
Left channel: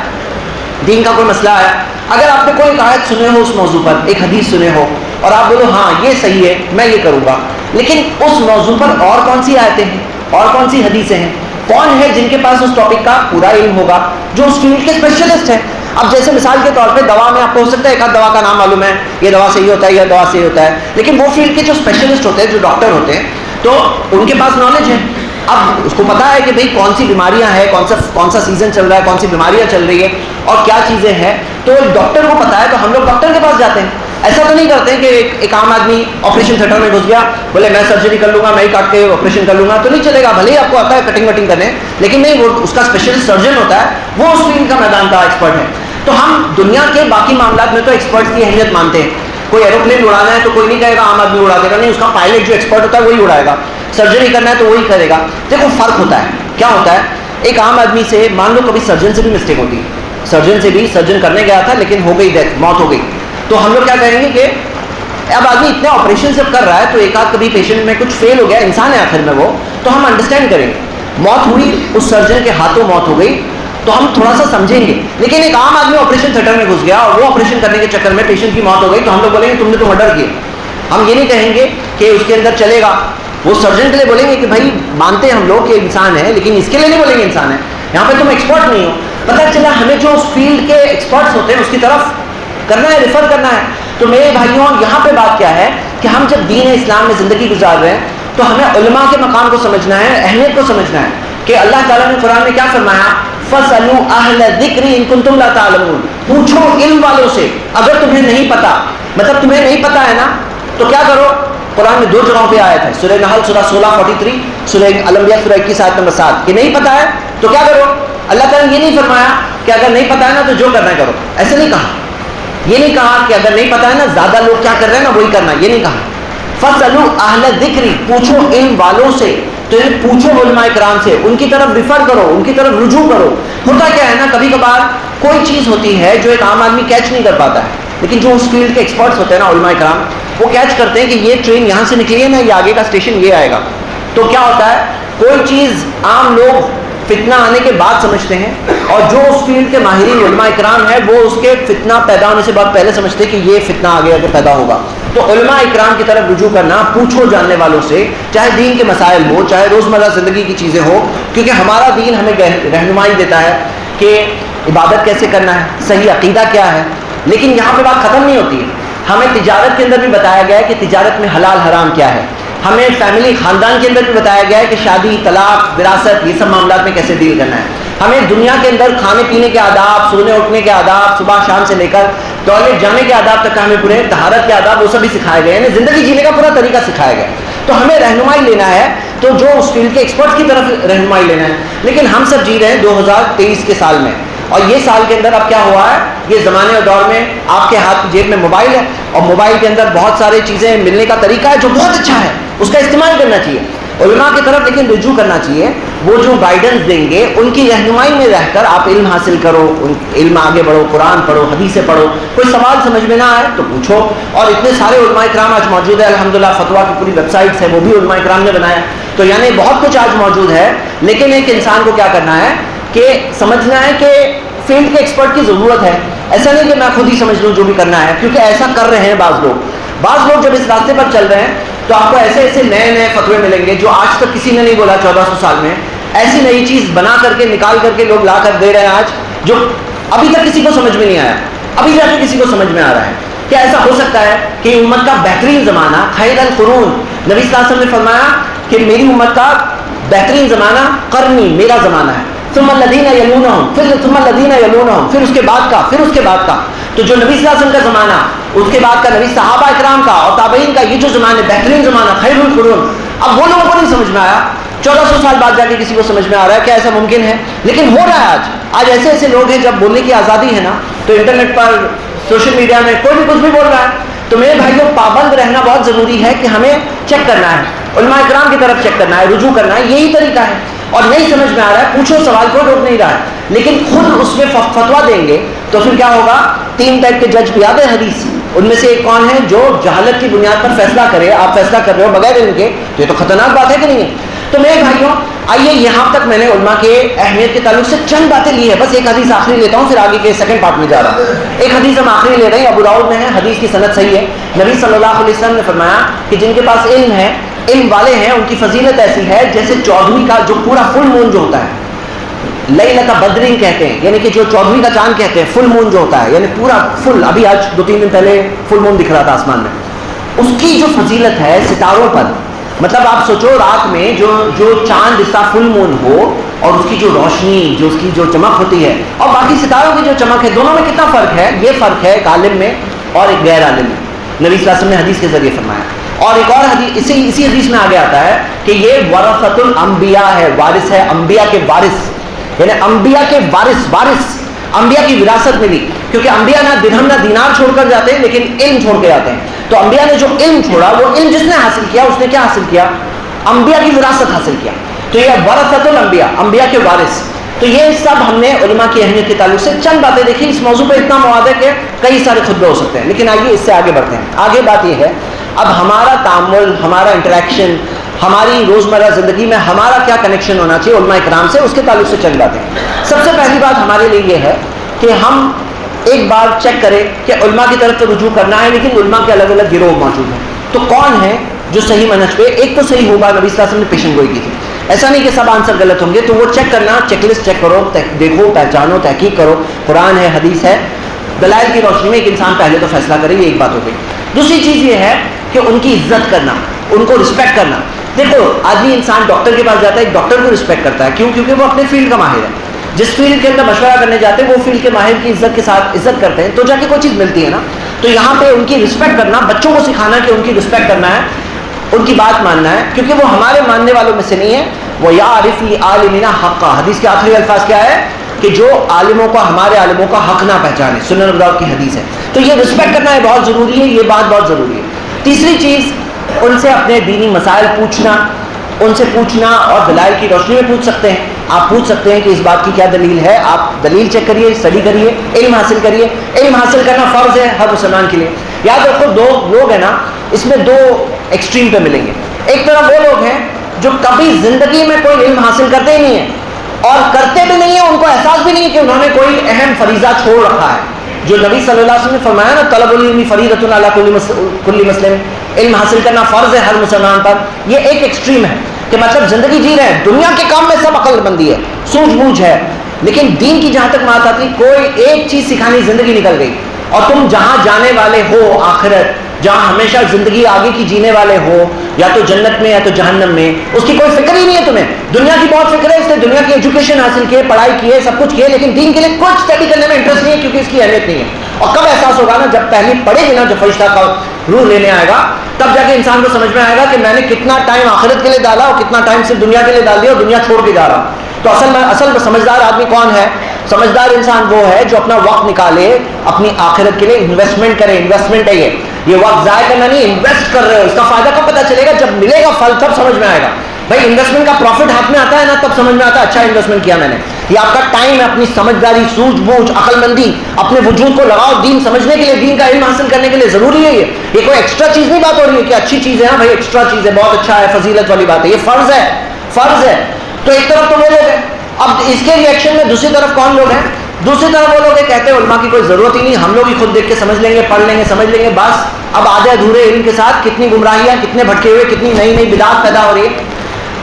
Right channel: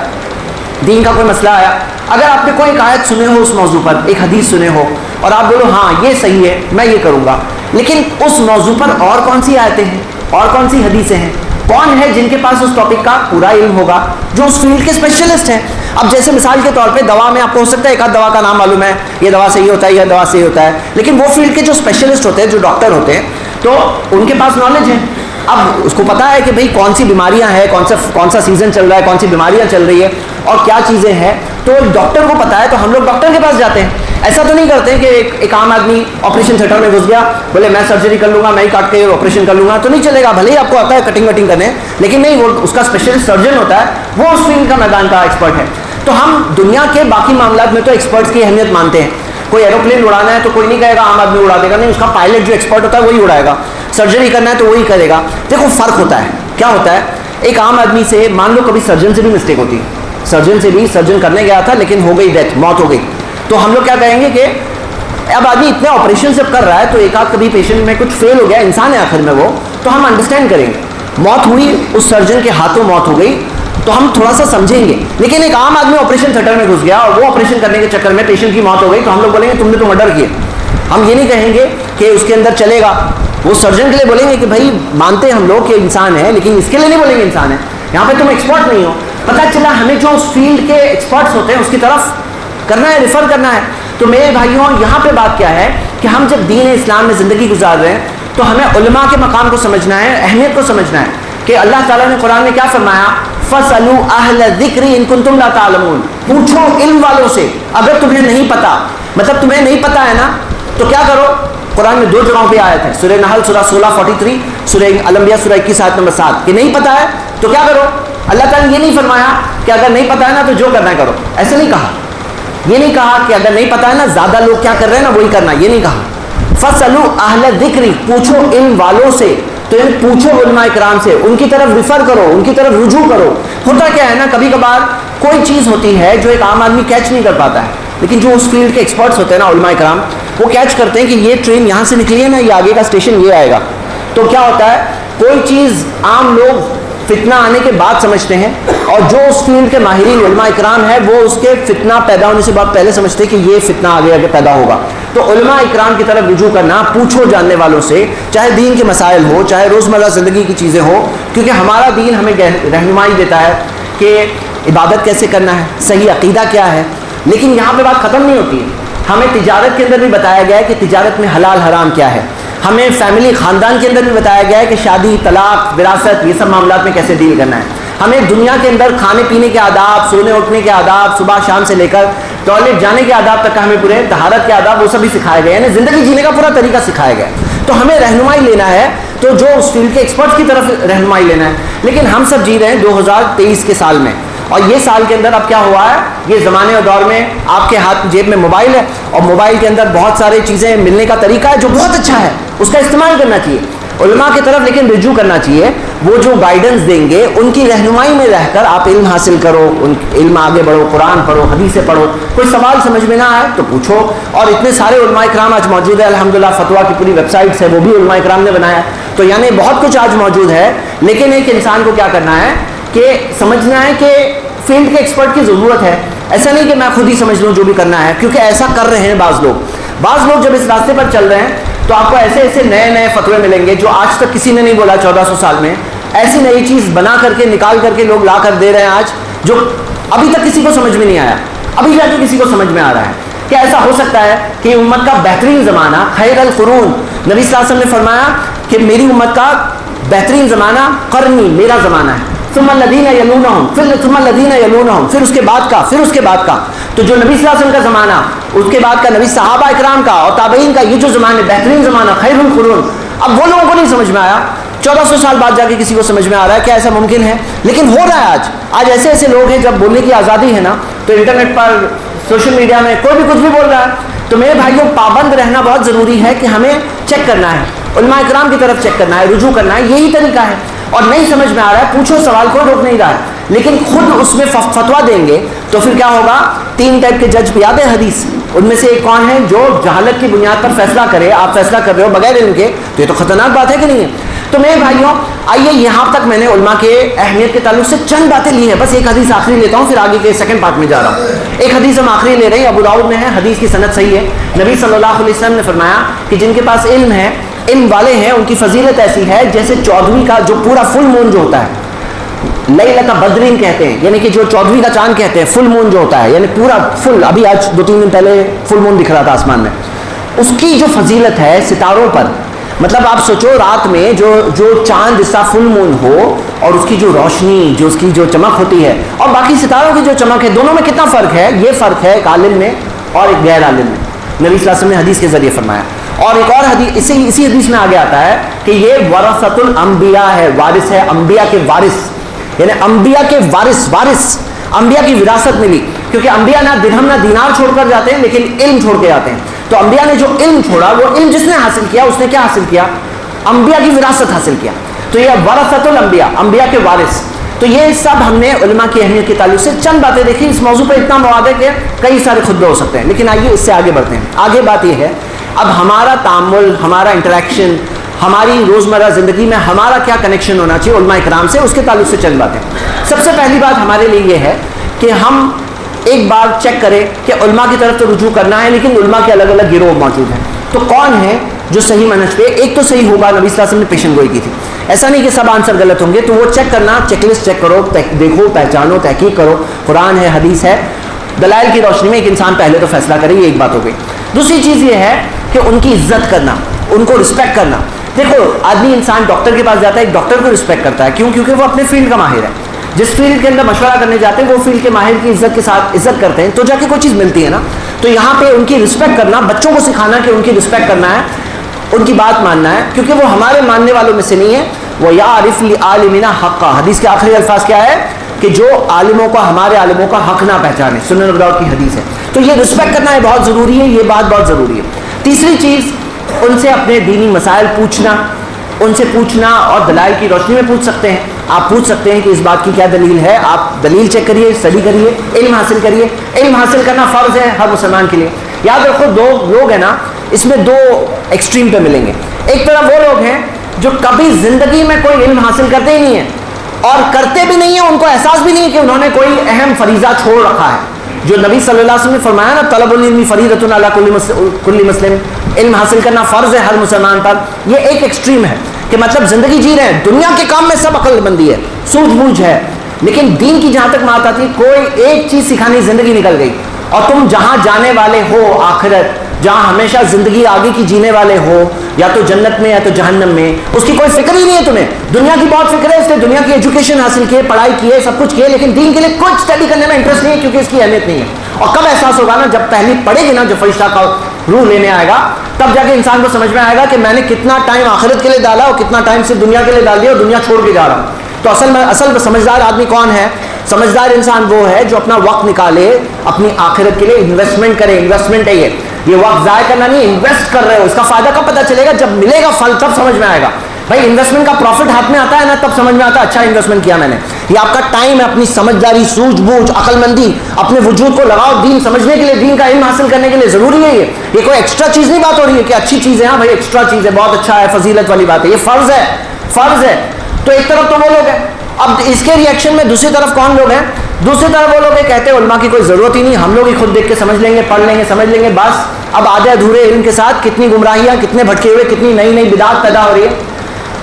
دین کا کوئی مسئلہ آیا, اگر آپ نے کوئی ایک آیت سنے ہو اس موضوع پر, ایک حدیث سنے ہو, اور آپ بولو ہاں یہ صحیح ہے میں یہ کروں گا, لیکن اس موضوع پر اور کون سی آیتیں ہیں, اور کون سی حدیثیں ہیں, کون ہے جن کے پاس اس ٹاپک کا پورا علم ہوگا, جو اس فیلڈ کے اسپیشلسٹ ہیں. اب جیسے مثال کے طور پہ دوا میں آپ کو ہو سکتا ہے ایک آدھ دوا کا نام معلوم ہے, یہ دوا صحیح ہوتا ہے, یہ دوا صحیح ہوتا ہے, لیکن وہ فیلڈ کے جو اسپیشلسٹ ہوتے ہیں, جو ڈاکٹر ہوتے ہیں, تو ان کے پاس نالج ہے. اب اس کو پتا ہے کہ بھئی کون سی بیماریاں ہیں, کون سا سیزن چل رہا ہے, کون سی بیماریاں چل رہی ہے, اور کیا چیزیں ہیں, تو ڈاکٹر کو پتا ہے, تو ہم لوگ ڈاکٹر کے پاس جاتے ہیں. ایسا تو نہیں کرتے کہ ایک عام آدمی آپریشن تھیٹر میں گھس گیا, بولے میں سرجری کر لوں گا, میں ہی کاٹ کے آپریشن کر لوں گا, تو نہیں چلے گا. بھلے ہی آپ کو آتا ہے کٹنگ وٹنگ کرنے, لیکن نہیں, وہ اس کا اسپیشلسٹ سرجن ہوتا ہے, وہ اس فیلڈ کا میدان کا ایکسپرٹ ہے. تو ہم دنیا کے باقی معاملات میں تو ایکسپرٹس کی اہمیت مانتے ہیں. کوئی ایروپلین اڑانا ہے تو کوئی نہیں کہے گا عام آدمی اڑا دے گا, نہیں, اس کا پائلٹ جو ایکسپرٹ ہوتا ہے وہی اڑائے گا. سرجری کرنا ہے تو وہی کرے گا. دیکھو فرق ہوتا ہے. کیا ہوتا ہے, ایک عام آدمی سے مان لو کبھی سرجن سے بھی مسٹیک ہوتی, سرجن کرنے گیا تھا لیکن ہو گئی ڈیتھ, موت ہو گئی, تو ہم لوگ کیا کہیں گے کہ اب آدمی اتنے آپریشن سب کر رہا ہے تو ایک آدھ کبھی پیشنٹ میں کچھ فیل ہو گیا, انسان ہے آخر میں وہ, تو ہم انڈرسٹینڈ کریں گے. موت ہوئی, اس سرجن کے ہاتھوں موت ہو گئی, تو ہم تھوڑا سا سمجھیں گے. لیکن ایک عام آدمی آپریشن تھیٹر میں گھس گیا اور وہ آپریشن کرنے کے چکر میں پیشنٹ کی موت ہو گئی, تو ہم لوگ بولیں گے تم نے تو مرڈر کیا. ہم یہ نہیں کہیں گے کہ اس کے اندر چلے گا, وہ سرجن کے لیے بولیں گے کہ بھائی مانتے ہیں ہم لوگ کہ انسان ہے, لیکن اس کے لیے نہیں بولیں گے انسان ہے, یہاں پہ تم ایکسپرٹ نہیں ہو. پتہ چلا ہمیں جو اس فیلڈ کے ایکسپرٹس ہوتے ہیں اس کی طرف کرنا ہے, ریفر کرنا ہے. تو میرے بھائیوں یہاں پہ بات کیا ہے کہ ہم جب دین اسلام میں زندگی گزار رہے ہیں تو ہمیں علماء کے مقام کو سمجھنا ہے, اہمیت کو سمجھنا ہے کہ اللہ تعالیٰ نے قرآن میں کیا فرمایا, فَاسْأَلُوا أَهْلَ الذِّكْرِ إِن كُنتُمْ لَا تَعْلَمُونَ, پوچھو علم والوں سے اگر تمہیں نہیں پتا. مطلب تمہیں نہیں پتا ہے نا تو کیا کرو. قرآن میں 2 جگہوں پہ آیت ہے, سورہ نحل سورہ 16:43, سورہ الانبیاء سورہ 21 آیت نمبر 7, کہ نہیں پتا ہے تو کیا کرو. اللہ تعالیٰ نے یہ نہیں فرمایا کہ اگر نہیں پتا ہے نا تو جو کرنا ہے کرو, ایسے نہیں کہا. یہ نہیں کہا کہ اگر نہیں پتا ہے نا زیادہ لوگ کیا کر رہے ہیں نا وہی کرنا, یہ نہیں کہا. فَاسْأَلُوا أَهْلَ الذِّكْرِ, پوچھو علم والوں سے. تو پوچھو علماء کرام سے, ان کی طرف ریفر کرو, ان کی طرف رجوع کرو. ہوتا کیا ہے نا, کبھی کبھار کوئی چیز ہوتی ہے جو ایک عام آدمی کیچ نہیں کر پاتا ہے, لیکن جو اس فیلڈ کے ایکسپرٹس ہوتے ہیں نا علماء کرام, وہ کیچ کرتے ہیں کہ یہ ٹرین یہاں سے نکلی ہے نا, یہ آگے کا اسٹیشن یہ آئے گا. تو کیا ہوتا ہے, کوئی چیز عام لوگ فتنہ آنے کے بعد سمجھتے ہیں, اور جو اس فیلڈ کے ماہرین علماء اکرام ہیں وہ اس کے فتنہ پیدا ہونے سے بعد پہلے سمجھتے ہیں کہ یہ فتنہ آگے پیدا ہوگا. تو علماء اکرام کی طرف رجوع کرنا, پوچھو جاننے والوں سے, چاہے دین کے مسائل ہو, چاہے روزمرہ زندگی کی چیزیں ہو, کیونکہ ہمارا دین ہمیں رہنمائی دیتا ہے کہ عبادت کیسے کرنا ہے, صحیح عقیدہ کیا ہے. لیکن یہاں پہ بات ختم نہیں ہوتی ہے. ہمیں تجارت کے اندر بھی بتایا گیا ہے کہ تجارت میں حلال حرام کیا ہے. ہمیں فیملی خاندان کے اندر بھی بتایا گیا ہے کہ شادی, طلاق, وراثت, یہ سب معاملات میں کیسے ڈیل کرنا ہے. ہمیں دنیا کے اندر کھانے پینے کے آداب, سونے اٹھنے کے آداب, صبح شام سے لے کر ٹوائلٹ جانے کے آداب تک ہمیں پورے طہارت کے آداب وہ سب بھی سکھائے گئے, یعنی زندگی جینے کا پورا طریقہ سکھایا گیا. تو ہمیں رہنمائی لینا ہے تو جو اس فیلڈ کے ایکسپرٹ کی طرف رہنمائی لینا ہے. لیکن ہم سب جی رہے ہیں 2023 کے سال میں, اور یہ سال کے اندر اب کیا ہوا ہے, یہ زمانے اور دور میں آپ کے ہاتھ جیب میں موبائل ہے, اور موبائل کے اندر بہت ساری چیزیں ملنے کا طریقہ ہے جو بہت اچھا ہے, اس کا استعمال کرنا چاہیے علماء کی طرف, لیکن رجوع کرنا چاہیے. وہ جو گائیڈنس دیں گے ان کی رہنمائی میں رہ کر آپ علم حاصل کرو, علم آگے بڑھو, قرآن پڑھو, حدیثیں پڑھو. کوئی سوال سمجھ میں نہ آئے تو پوچھو. اور اتنے سارے علماء کرام آج موجود ہے الحمدللہ, فتوا کی پوری ویب سائٹس ہے وہ بھی علماء کرام نے بنایا. تو یعنی بہت کچھ آج موجود ہے, لیکن ایک انسان کو کیا کرنا ہے کہ سمجھنا ہے کہ فیلڈ کے ایکسپرٹ کی ضرورت ہے. ایسا نہیں کہ میں خود ہی سمجھ لوں جو بھی کرنا ہے, کیونکہ ایسا کر رہے ہیں بعض لوگ. بعض لوگ جب اس راستے پر چل رہے ہیں تو آپ کو ایسے ایسے نئے نئے فتوے ملیں گے جو آج تک کسی نے نہیں بولا 1400 سال میں. ایسی نئی چیز بنا کر کے نکال کر کے لوگ لا کر دے رہے ہیں آج, جو ابھی تک کسی کو سمجھ میں نہیں آیا, ابھی جا کے کسی کو سمجھ میں آ رہا ہے. کیا ایسا ہو سکتا ہے کہ امت کا بہترین زمانہ, خیر القرون, نبی صلی اللہ علیہ وسلم نے فرمایا کہ میری امت کا بہترین زمانہ قرنی, میرا زمانہ ہے, ثم الذین یلونہم, ثم الذین یلونہم, پھر اس کے بعد کا, پھر اس کے بعد کا. تو جو نبی صلی اللہ علیہ وسلم کا زمانہ, اس کے بعد کا نبی صحابہ اکرام کا اور تابعین کا, یہ جو زمانہ بہترین زمانہ خیر القرون, اب وہ لوگوں کو نہیں سمجھ میں آیا. 1400 سال بعد جا کے کسی کو سمجھ میں آ رہا ہے. کیا ایسا ممکن ہے؟ لیکن ہو رہا ہے. آج ایسے ایسے لوگ ہیں, جب بولنے کی آزادی ہے نا تو انٹرنیٹ پر, سوشل میڈیا میں کوئی بھی کچھ بھی بول رہا ہے. تو میرے بھائیوں, پابند رہنا بہت ضروری ہے کہ ہمیں چیک کرنا ہے, علماء اکرام کی طرف چیک کرنا ہے, رجوع کرنا ہے. یہی طریقہ ہے. اور نہیں سمجھ میں آ رہا ہے, پوچھو, سوال کو روک نہیں رہا ہے, لیکن خود اس میں فتوا دیں گے تو پھر کیا ہوگا. 3 ٹائپ کے جج بھی یاد ہے حدیث, ان میں سے ایک کون ہے جو جہالت کی بنیاد پر فیصلہ کرے. آپ فیصلہ کر رہے ہو بغیر علم کے, تو یہ تو خطرناک بات ہے کہ نہیں ہے. تو میرے بھائیوں آئیے, یہاں تک میں نے علماء کے اہمیت کے تعلق سے چند باتیں لی ہیں. بس ایک حدیث آخری لیتا ہوں, پھر آگے کے سیکنڈ پارٹ میں جا رہا ہوں. ایک حدیث ہم آخری لے رہے ہیں, ابو داؤد میں ہے, حدیث کی سند صحیح ہے. نبی صلی اللہ علیہ وسلم نے فرمایا کہ جن کے پاس علم ہے, علم والے ہیں, ان کی فضیلت ایسی ہے جیسے 14ویں کا جو پورا فل مون جو ہوتا ہے, لیلۃ بدرین کہتے ہیں, یعنی کہ جو 14ویں کا چاند کہتے ہیں, فل مون جو ہوتا ہے, یعنی پورا فل. ابھی آج 2-3 دن پہلے فل مون دکھ رہا تھا آسمان میں. اس کی جو فضیلت ہے ستاروں پر, مطلب آپ سوچو رات میں جو چاند جس کا فل مون ہو اور اس کی جو روشنی, جو اس کی جو چمک ہوتی ہے, اور باقی ستاروں کی جو چمک ہے, دونوں میں کتنا فرق ہے. یہ فرق ہے ایک عالم میں اور ایک غیر عالم میں. نبی صلی اللہ علیہ وسلم نے حدیث کے ذریعے فرمایا. اور ایک اور حدیث اسی حدیث میں آگے آتا ہے کہ یہ ورثۃ الانبیاء ہے, وارث ہے, انبیاء کے وارث, یعنی انبیاء کے وارث, انبیاء کی وراثت ملی. کیونکہ انبیاء نہ درہم نہ دینار چھوڑ کر جاتے ہیں, لیکن علم چھوڑ کے جاتے ہیں. تو انبیاء نے جو علم چھوڑا, وہ علم جس نے حاصل کیا, اس نے کیا حاصل کیا, انبیاء کی وراثت حاصل کیا. تو یہ ورثۃ الانبیاء, انبیاء کے وارث. تو یہ سب ہم نے علماء کی اہمیت کے تعلق سے چند باتیں دیکھی. اس موضوع پہ اتنا مواد ہے کہ کئی سارے خطبے ہو سکتے ہیں, لیکن آئیے اس سے آگے بڑھتے ہیں. آگے بات یہ ہے, اب ہمارا تعامل, ہمارا انٹریکشن, ہماری روزمرہ زندگی میں ہمارا کیا کنیکشن ہونا چاہیے علماء اکرام سے, اس کے تعلق سے چند باتیں. سب سے پہلی بات ہمارے لیے یہ ہے کہ ہم ایک بار چیک کریں کہ علماء کی طرف تو رجوع کرنا ہے, لیکن علماء کے الگ الگ گروہ موجود ہیں. تو کون ہے جو صحیح منہج پہ, ایک تو صحیح ہوگا, نبی صلی اللہ علیہ وسلم نے پیشن گوئی کی تھی. ایسا نہیں کہ سب آنسر غلط ہوں گے, تو وہ چیک کرنا, چیک لسٹ چیک کرو, دیکھو, پہچانو, تحقیق کرو, قرآن ہے, حدیث ہے, دلائل کی روشنی میں ایک انسان پہلے تو فیصلہ کرے. یہ ایک بات ہو گئی. دوسری چیز یہ ہے کہ ان کی عزت کرنا, ان کو رسپیکٹ کرنا. دیکھو, آدمی انسان ڈاکٹر کے پاس جاتا ہے, ایک ڈاکٹر کو رسپیکٹ کرتا ہے. کیوں؟ کیونکہ وہ اپنے فیلڈ کا ماہر ہے. جس فیلڈ کے اندر مشورہ کرنے جاتے ہیں وہ فیلڈ کے ماہر کی عزت کے ساتھ عزت کرتے ہیں تو جا کے کوئی چیز ملتی ہے نا. تو یہاں پہ ان کی رسپیکٹ کرنا, بچوں کو سکھانا کہ ان کی رسپیکٹ کرنا ہے, ان کی بات ماننا ہے, کیونکہ وہ ہمارے ماننے والوں میں سے نہیں ہے. وہ یعرف لعالمنا حقا, حدیث کے آخری الفاظ کیا ہے کہ جو عالموں کا, ہمارے عالموں کا حق نہ پہچانے, سنن ابو داؤد کی حدیث ہے. تو یہ رسپیکٹ کرنا ہے بہت ضروری ہے, یہ بات بہت ضروری ہے. تیسری چیز, ان سے اپنے دینی مسائل پوچھنا, ان سے پوچھنا اور دلائل کی روشنی میں پوچھ سکتے ہیں. آپ پوچھ سکتے ہیں کہ اس بات کی کیا دلیل ہے, آپ دلیل چیک کریے, اسٹڈی کریے, علم حاصل کریے. علم حاصل کرنا فرض ہے ہر مسلمان کے لیے. یاد رکھو دو لوگ ہیں نا, اس میں دو ایکسٹریم پہ ملیں گے. ایک طرف وہ لوگ ہیں جو کبھی زندگی میں کوئی علم حاصل کرتے ہی نہیں ہیں اور کرتے بھی نہیں ہیں, ان کو احساس بھی نہیں کہ انہوں نے کوئی اہم فریضہ چھوڑ رکھا ہے. جو نبی صلی اللہ علیہ وسلم نے فرمایا نا, طلب العلم فریضۃ علی کل مسلم, علم حاصل کرنا فرض ہے ہر مسلمان پر. یہ ایک ایکسٹریم ہے کہ مطلب زندگی جی رہے ہیں, دنیا کے کام میں سب عقل مندی ہے, سوجھ بوجھ ہے, لیکن دین کی جہاں تک بات آتی کوئی ایک چیز سکھانی, زندگی نکل گئی. اور تم جہاں جانے والے ہو آخرت, جہاں ہمیشہ زندگی آگے کی جینے والے ہو, یا تو جنت میں یا تو جہنم میں, اس کی کوئی فکر ہی نہیں ہے تمہیں. دنیا کی بہت فکر ہے, اس نے دنیا کی ایجوکیشن حاصل کی, پڑھائی کی ہے, سب کچھ کیے, لیکن دین کے لیے کچھ اسٹڈی کرنے میں انٹرسٹ نہیں ہے کیونکہ اس کی اہمیت نہیں ہے. اور کب احساس ہوگا نا, جب پہلی پڑھے گی نا, جب فرشتہ کا روح لینے آئے گا, تب جا کے انسان کو سمجھ میں آئے گا کہ میں نے کتنا ٹائم آخرت کے لیے ڈالا اور کتنا ٹائم صرف دنیا کے لیے ڈال دیا اور دنیا چھوڑ کے جا رہا. تو اصل سمجھدار آدمی کون ہے؟ سمجھدار انسان وہ ہے جو اپنا وقت نکالے اپنی آخرت کے لیے, انویسٹمنٹ کرے. انویسٹمنٹ ہے یہ وقت ضائع کرنا نہیں, انویسٹ کر رہے ہو. اس کا فائدہ کب پتہ چلے گا؟ جب ملے گا پھل, تب سمجھ میں آئے گا. بھائی انویسٹمنٹ کا پروفٹ ہاتھ میں آتا ہے نا, تب سمجھ میں آتا ہے اچھا انویسٹمنٹ کیا میں نے. یہ آپ کا ٹائم ہے, اپنی سمجھداری, سوجھ بوجھ, عقل مندی, اپنے وجود کو لگاؤ دین سمجھنے کے لیے, دین کا علم حاصل کرنے کے لیے. ضروری ہے یہ کوئی ایکسٹرا چیز نہیں بات ہو رہی ہے کہ اچھی چیز ہے. ہاں بھائی ایکسٹرا چیز ہے, بہت اچھا ہے, فضیلت والی بات ہے, یہ فرض ہے, فرض ہے. تو ایک طرف تو وہ لوگ ہیں. اب اس کے ریئیکشن میں دوسری طرف کون لوگ ہیں؟ دوسری طرف وہ لوگ کہتے ہیں علماء کی کوئی ضرورت ہی نہیں, ہم لوگ ہی خود دیکھ کے سمجھ لیں گے, پڑھ لیں گے, سمجھ لیں گے, بس. اب آدھے ادھورے علم کے ساتھ کتنی گمراہیاں, کتنے بھٹکے ہوئے, کتنی نئی نئی بدعات پیدا ہو رہی ہے.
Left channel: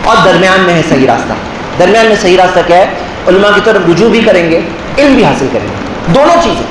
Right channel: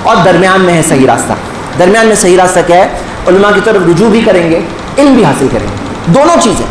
اور درمیان میں ہے صحیح راستہ. درمیان میں صحیح راستہ کیا ہے؟ علماء کی طرف رجوع بھی کریں گے, علم بھی حاصل کریں گے. دونوں چیزیں,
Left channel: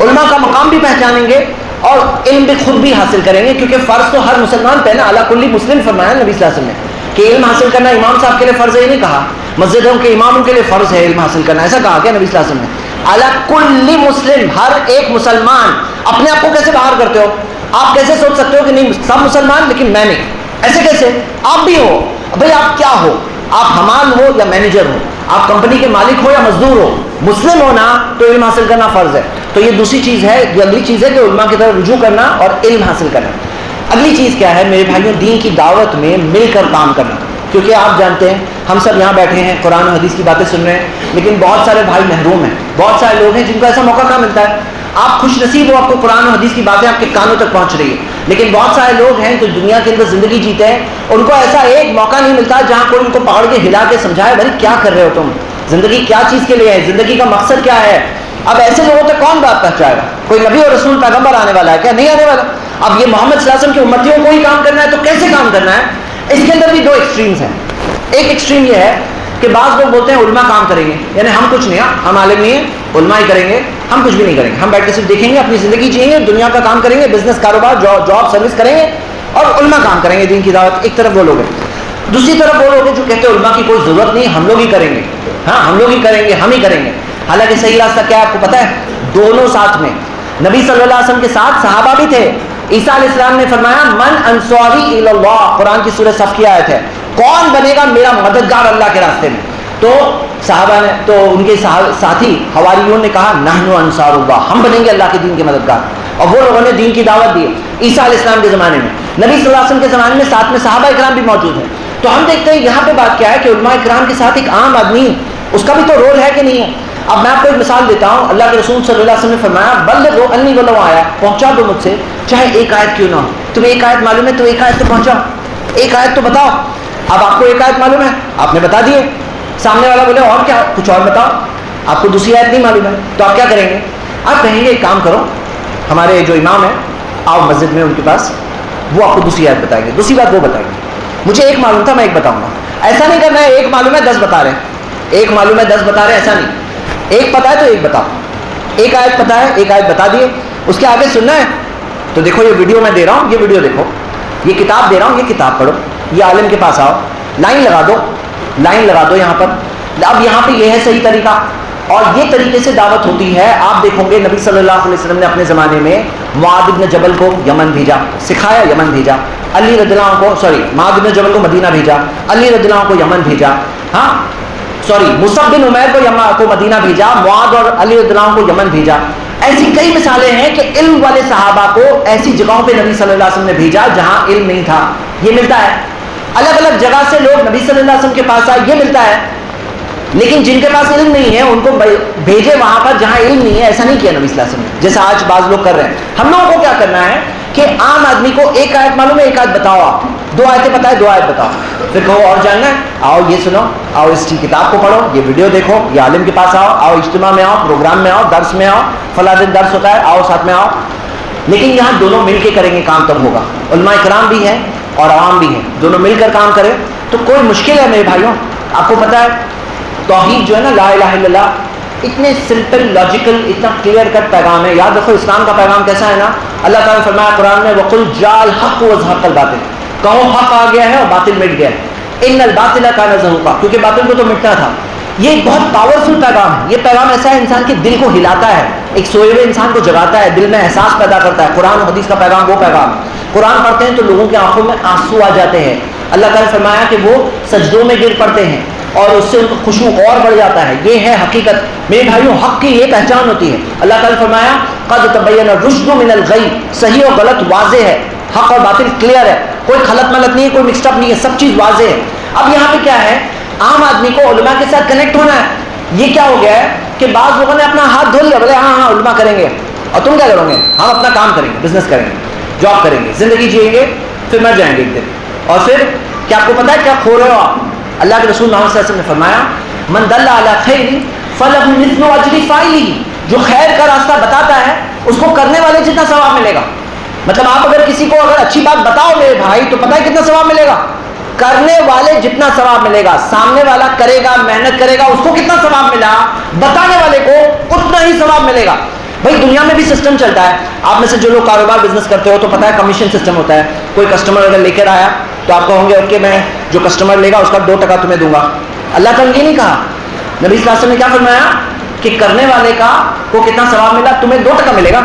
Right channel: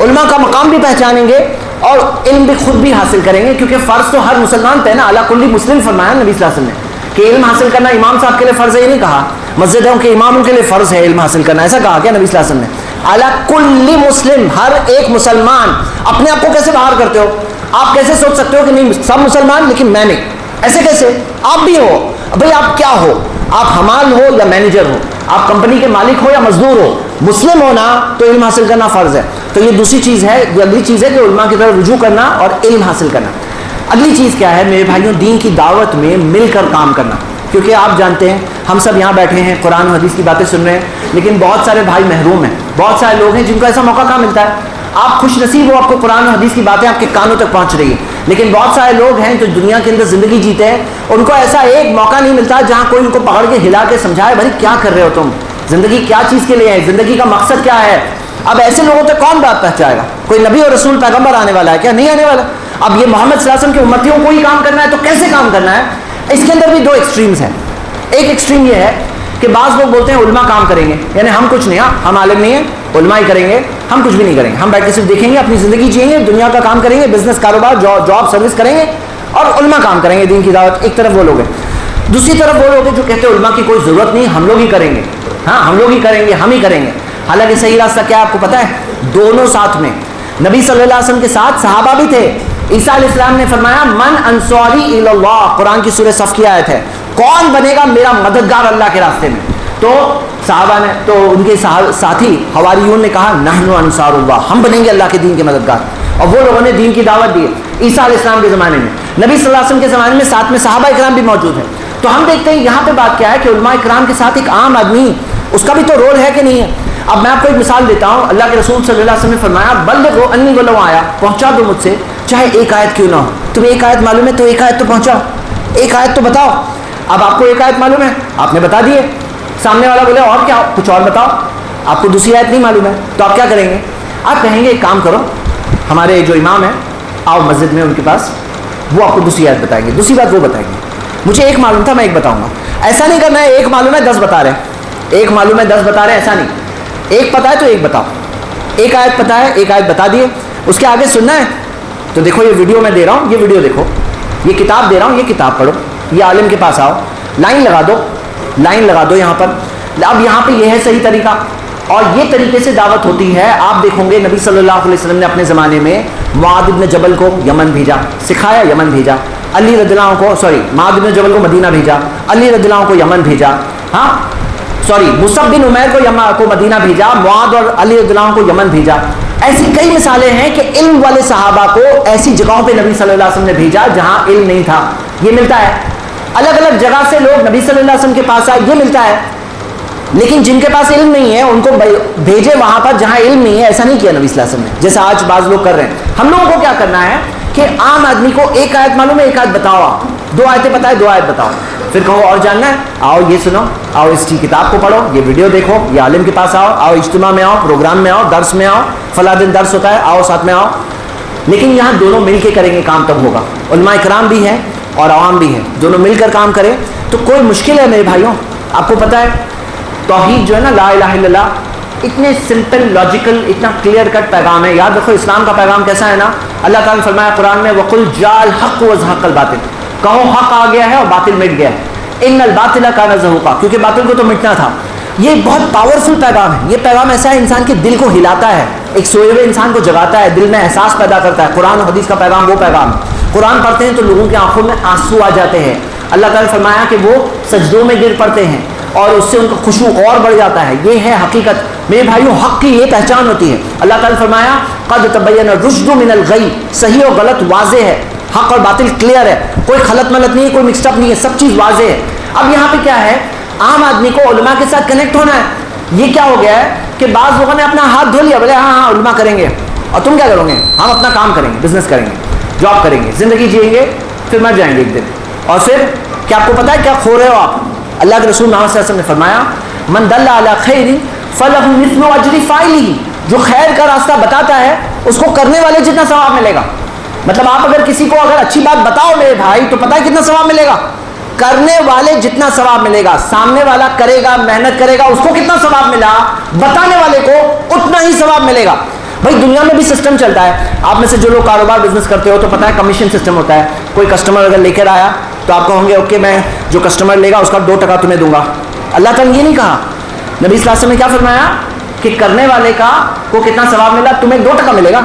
علماء کا مقام بھی پہچانیں گے اور علم بھی خود بھی حاصل کریں گے, کیونکہ فرض تو ہر مسلمان پہ نا, علی کل مسلم فرمایا نبی صلی اللہ علیہ وسلم نے کہ علم حاصل کرنا امام صاحب کے لیے فرض ہے. یہ نہیں کہا مسجدوں کے اماموں کے لیے فرض ہے علم حاصل کرنا, ایسا کہا کیا نبی صلی اللہ علیہ وسلم نے؟ علی کل مسلم, ہر ایک مسلمان. اپنے آپ کو کیسے باہر کرتے ہو؟ آپ کیسے سوچ سکتے ہو کہ نہیں سب مسلمان لیکن میں نہیں؟ ایسے کیسے؟ آپ بھی ہو. بھائی آپ کیا ہو؟ آپ حمال ہو یا مینیجر ہو, آپ کمپنی کے مالک ہو یا مزدور ہو, مسلم ہونا تو علم حاصل کرنا فرض ہے. تو یہ دوسری چیز ہے. یہ اگلی چیز ہے کہ علماء کی طرف رجوع کرنا اور علم حاصل کرنا. اگلی چیز کیا ہے میرے بھائیوں؟ دین کی دعوت میں مل کر کام کرنا. کیونکہ آپ جانتے ہیں ہم سب یہاں بیٹھے ہیں, قرآن و حدیث کی باتیں سن رہے ہیں, لیکن بہت سارے بھائی محروم ہیں, بہت سارے لوگ ہیں جن کو ایسا موقع کہاں ملتا ہے. آپ خوش نصیب ہو, آپ کو قرآن و حدیث کی باتیں آپ کے کانوں تک پہنچ رہی ہے, لیکن بہت سارے لوگ ہیں جو دنیا کے اندر زندگی جیتے ہیں, ان کو ایسا ایک موقع نہیں ملتا جہاں کوئی ان کو پکڑ کے ہلا کے سمجھائے بھائی کیا کر رہے ہو تم, زندگی کیا چیز کے لیے ہے, زندگی کا مقصد کیا ہے. اب ایسے لوگوں تک کون بات پہنچائے گا؟ کوئی نبی اور رسول پیغمبر آنے والا ہے کیا؟ نہیں آنے والا. اب یہ محمد صلی اللہ علیہ وسلم کی امتیوں کو ہی کام کرنا ہے تو کیسے کام کرنا ہے؟ اس کے اندر بھی دو ایکسٹریمز ہیں. ایک ایکسٹریم یہ ہے کہ بعض لوگ بولتے ہیں علماء کام کریں گے, یعنی ہم کچھ نہیں, ہم عالم نہیں ہیں, علماء ہی کریں گے, ہم کچھ بھی نہیں کریں گے, ہم بیٹھ کے صرف دیکھیں گے, اپنی زندگی جئیں گے, دنیا کا کام کریں گے, بزنس کاروبار جاب سروس کریں گے اور علماء کام کریں گے, دین کی دعوت. ایک طرف وہ لوگ ہیں. دوسری طرف وہ لوگ ہیں جو کہتے ہیں علماء کی کوئی ضرورت نہیں, ہم لوگ ہی کریں گے, ہاں ہم لوگ ہی کریں گے, ہم ہی کریں گے. حالانکہ صحیح راستہ کیا ہے آپ کو پتہ ہے؟ دونوں ساتھ میں. نبی صلی اللہ علیہ وسلم کے ساتھ صحابہ بھی تھے. عیسیٰ علیہ السلام نے فرمایا من انصاری الی اللہ, قرآن کی سورہ صف کی آیت ہے, کون بنے گا میرا مددگار اللہ کے راستے میں؟ تو صحابہ نے, تو ان کے ساتھی حواریون نے کہا نحن انصار اللہ, ہم بنیں گے اللہ کے دین کے مددگار. اور وہ لوگوں نے دین کی دعوت دی عیسیٰ علیہ السلام کے زمانے میں. نبی صلی اللہ علیہ وسلم کے زمانے میں ساتھ میں صحابہ اکرام بھی موجود ہیں. تو ہم دیکھتے ہیں یہاں پہ بات کیا ہے کہ علماء اکرام کے ساتھ ایک عام آدمی, اس کا بھی تو رول ہے کہ نہیں ہے. اب میں آپ کو ایک مثال دیتا ہوں. اللہ کے رسول صلی اللہ علیہ وسلم نے فرمایا بلغوا انی ولو آیا, پہنچا دو مجھ سے چاہے ایک آیت کیوں نہ ہو. تمہیں ایک آیت معلوم ہے تو ایک آیت تو پہنچاؤ, ایک آیت تو بتاؤ. اب آپ کو ایک آیت معلوم ہے, آپ نے بتا دیے, سامنے والا بولے اور کیا, کچھ اور بتاؤ. آپ کو دوسری آیت نہیں معلوم ہے تو آپ کیا کریں گے؟ آپ کہیں گے ایک کام کرو, ہمارے جو امام ہیں آؤ مسجد میں ان کے پاس, وہ آپ کو دوسری آیت بتائیں گے, دوسری بات وہ بتائیں گے. مجھے ایک معلوم تھا میں ایک بتاؤں گا. ایسا نہیں کرنا ہے ایک معلوم ہے 10 بتا رہے ہیں, ایک معلوم ہے 10 بتا رہے ہیں, ایسا نہیں. ایک پتا ہے تو ایک بتاؤ, ایک آیت پتا ہے ایک آیت بتا دیے, اس کے آگے سننا ہے تو دیکھو یہ ویڈیو میں دے رہا ہوں, یہ ویڈیو دیکھو, یہ کتاب دے رہا ہوں, یہ کتاب پڑھو, یہ عالم کے پاس آؤ, لائن لگا دو, لائن لگا دو, یہاں پر اب یہاں پہ یہ ہے صحیح طریقہ، اور یہ طریقے سے دعوت ہوتی ہے. آپ دیکھو گے نبی صلی اللہ علیہ وسلم نے اپنے زمانے میں معاذ بن جبل کو یمن بھیجا، سکھایا، یمن بھیجا. علی رضی اللہ عنہ کو معاذ بن جبل کو مدینہ بھیجا، علی رضی اللہ عنہ کو یمن بھیجا. ہاں مصعب بن عمیر کو مدینہ بھیجا، معاذ اور علی رضی اللہ عنہ کو یمن بھیجا. ایسی کئی مثالیں ہیں کہ علم والے صحابہ کو ایسی جگہوں پہ نبی صلی اللہ علیہ وسلم نے بھیجا جہاں علم نہیں تھا. یہ ملتا ہے. الگ الگ جگہ سے لوگ نبی صلی اللہ علیہ وسلم کے پاس آئے، یہ ملتا ہے. لیکن جن کے پاس علم نہیں ہے ان کو بھیجے وہاں پر جہاں علم نہیں ہے. ایسا نہیں کیا نبی صلی اللہ علیہ وسلم نے جیسا آج بعض لوگ کر رہے ہیں. ہم لوگوں کو کیا کرنا ہے کہ عام آدمی کو ایک آیت معلوم ہے، ایک آیت بتاؤ، آپ 2 آیتیں پتہ ہے، 2 آیت بتاؤ، پھر کہو اور جاننا ہے، آؤ یہ سنو، آؤ اس کی کتاب کو پڑھو، یہ ویڈیو دیکھو، یہ عالم کے پاس آؤ، آؤ اجتماع میں آؤ، پروگرام میں آؤ، درس میں آؤ، فلاں دن درس ہوتا ہے، آؤ ساتھ میں آؤ. لیکن یہاں دونوں مل کے کریں گے کام تب ہوگا. علماء کرام بھی ہیں اور عوام بھی ہیں، دونوں مل کر کام کریں تو کوئی مشکل ہے میرے بھائیوں. آپ کو پتہ ہے توحید جو ہے نا، لا الہ الا اللہ، اتنے سمپل، لاجیکل، اتنا کلیئر کٹ پیغام ہے. یاد رکھو اسلام کا پیغام کیسا ہے نا. اللہ تعالیٰ نے فرمایا قرآن میں وَقُلْ جَاءَ الْحَقُّ وَزَهَقَ الْبَاطِلُ، کہو حق آ گیا ہے اور باطل مٹ گیا ہے. اِنَّ الْبَاطِلَ كَانَ زَهُوقًا، کیونکہ باطل کو تو مٹنا تھا. یہ بہت پاورفل پیغام ہے. یہ پیغام ایسا ہے انسان کے دل کو ہلاتا ہے، ایک سوئے ہوئے انسان کو جگاتا ہے، دل میں احساس پیدا کرتا ہے. قرآن و حدیث کا پیغام وہ پیغام. قرآن پڑھتے ہیں تو لوگوں کی آنکھوں میں آنسو آ جاتے ہیں. اللہ تعالیٰ نے فرمایا کہ وہ سجدوں میں گر پڑتے ہیں اور اس سے ان کا خشوع اور بڑھ جاتا ہے. یہ ہے حقیقت میرے بھائیوں، حق کی یہ پہچان ہوتی ہے. اللہ تعالیٰ نے فرمایا قد تبین الرشد من الغی، صحیح اور غلط واضح ہے، حق اور باطل کلیئر ہے، کوئی خلط ملط نہیں ہے، کوئی مکسڈ اپ نہیں ہے، سب چیز واضح ہے. اب یہاں پہ کیا ہے، عام آدمی کو علماء کے ساتھ کنیکٹ ہونا ہے. یہ کیا ہو گیا ہے کہ بعض لوگوں نے اپنا ہاتھ دھو لیا، بولے ہاں علماء کریں گے، اور تم کیا کرو گے؟ ہم اپنا کام کریں گے، بزنس کریں گے، جاب کریں گے، زندگی جئیں گے، پھر مر جائیں گے ایک دن. اور پھر کیا آپ کو پتا ہے کیا کھو رہے ہو آپ؟ اللہ کے رسول محمد صلی اللہ علیہ وسلم نے فرمایا من دل علی خیر فلہ مثل اجر فاعلہ، جو خیر کا راستہ بتاتا ہے اس کو کرنے والے جتنا ثواب ملے گا. مطلب آپ اگر کسی کو اگر اچھی بات بتاؤ میرے بھائی تو پتہ ہے کتنا ثواب ملے گا؟ کرنے والے جتنا ثواب ملے گا. سامنے والا کرے گا، محنت کرے گا، اس کو کتنا ثواب ملا، بتانے والے کو اتنا ہی ثواب ملے گا. بھائی دنیا میں بھی سسٹم چلتا ہے. آپ میں سے جو لوگ کاروبار بزنس کرتے ہو تو پتہ ہے کمیشن سسٹم ہوتا ہے. کوئی کسٹمر اگر لے کر آیا تو آپ کہوں گے اوکے میں جو کسٹمر لے گا اس کا 2% تمہیں دوں گا. اللہ تعالیٰ نے یہ نہیں کہا. نبی صلی اللہ علیہ وسلم نے کیا فرمایا کہ کرنے والے کا کو کتنا ثواب ملا، تمہیں 2% ملے گا،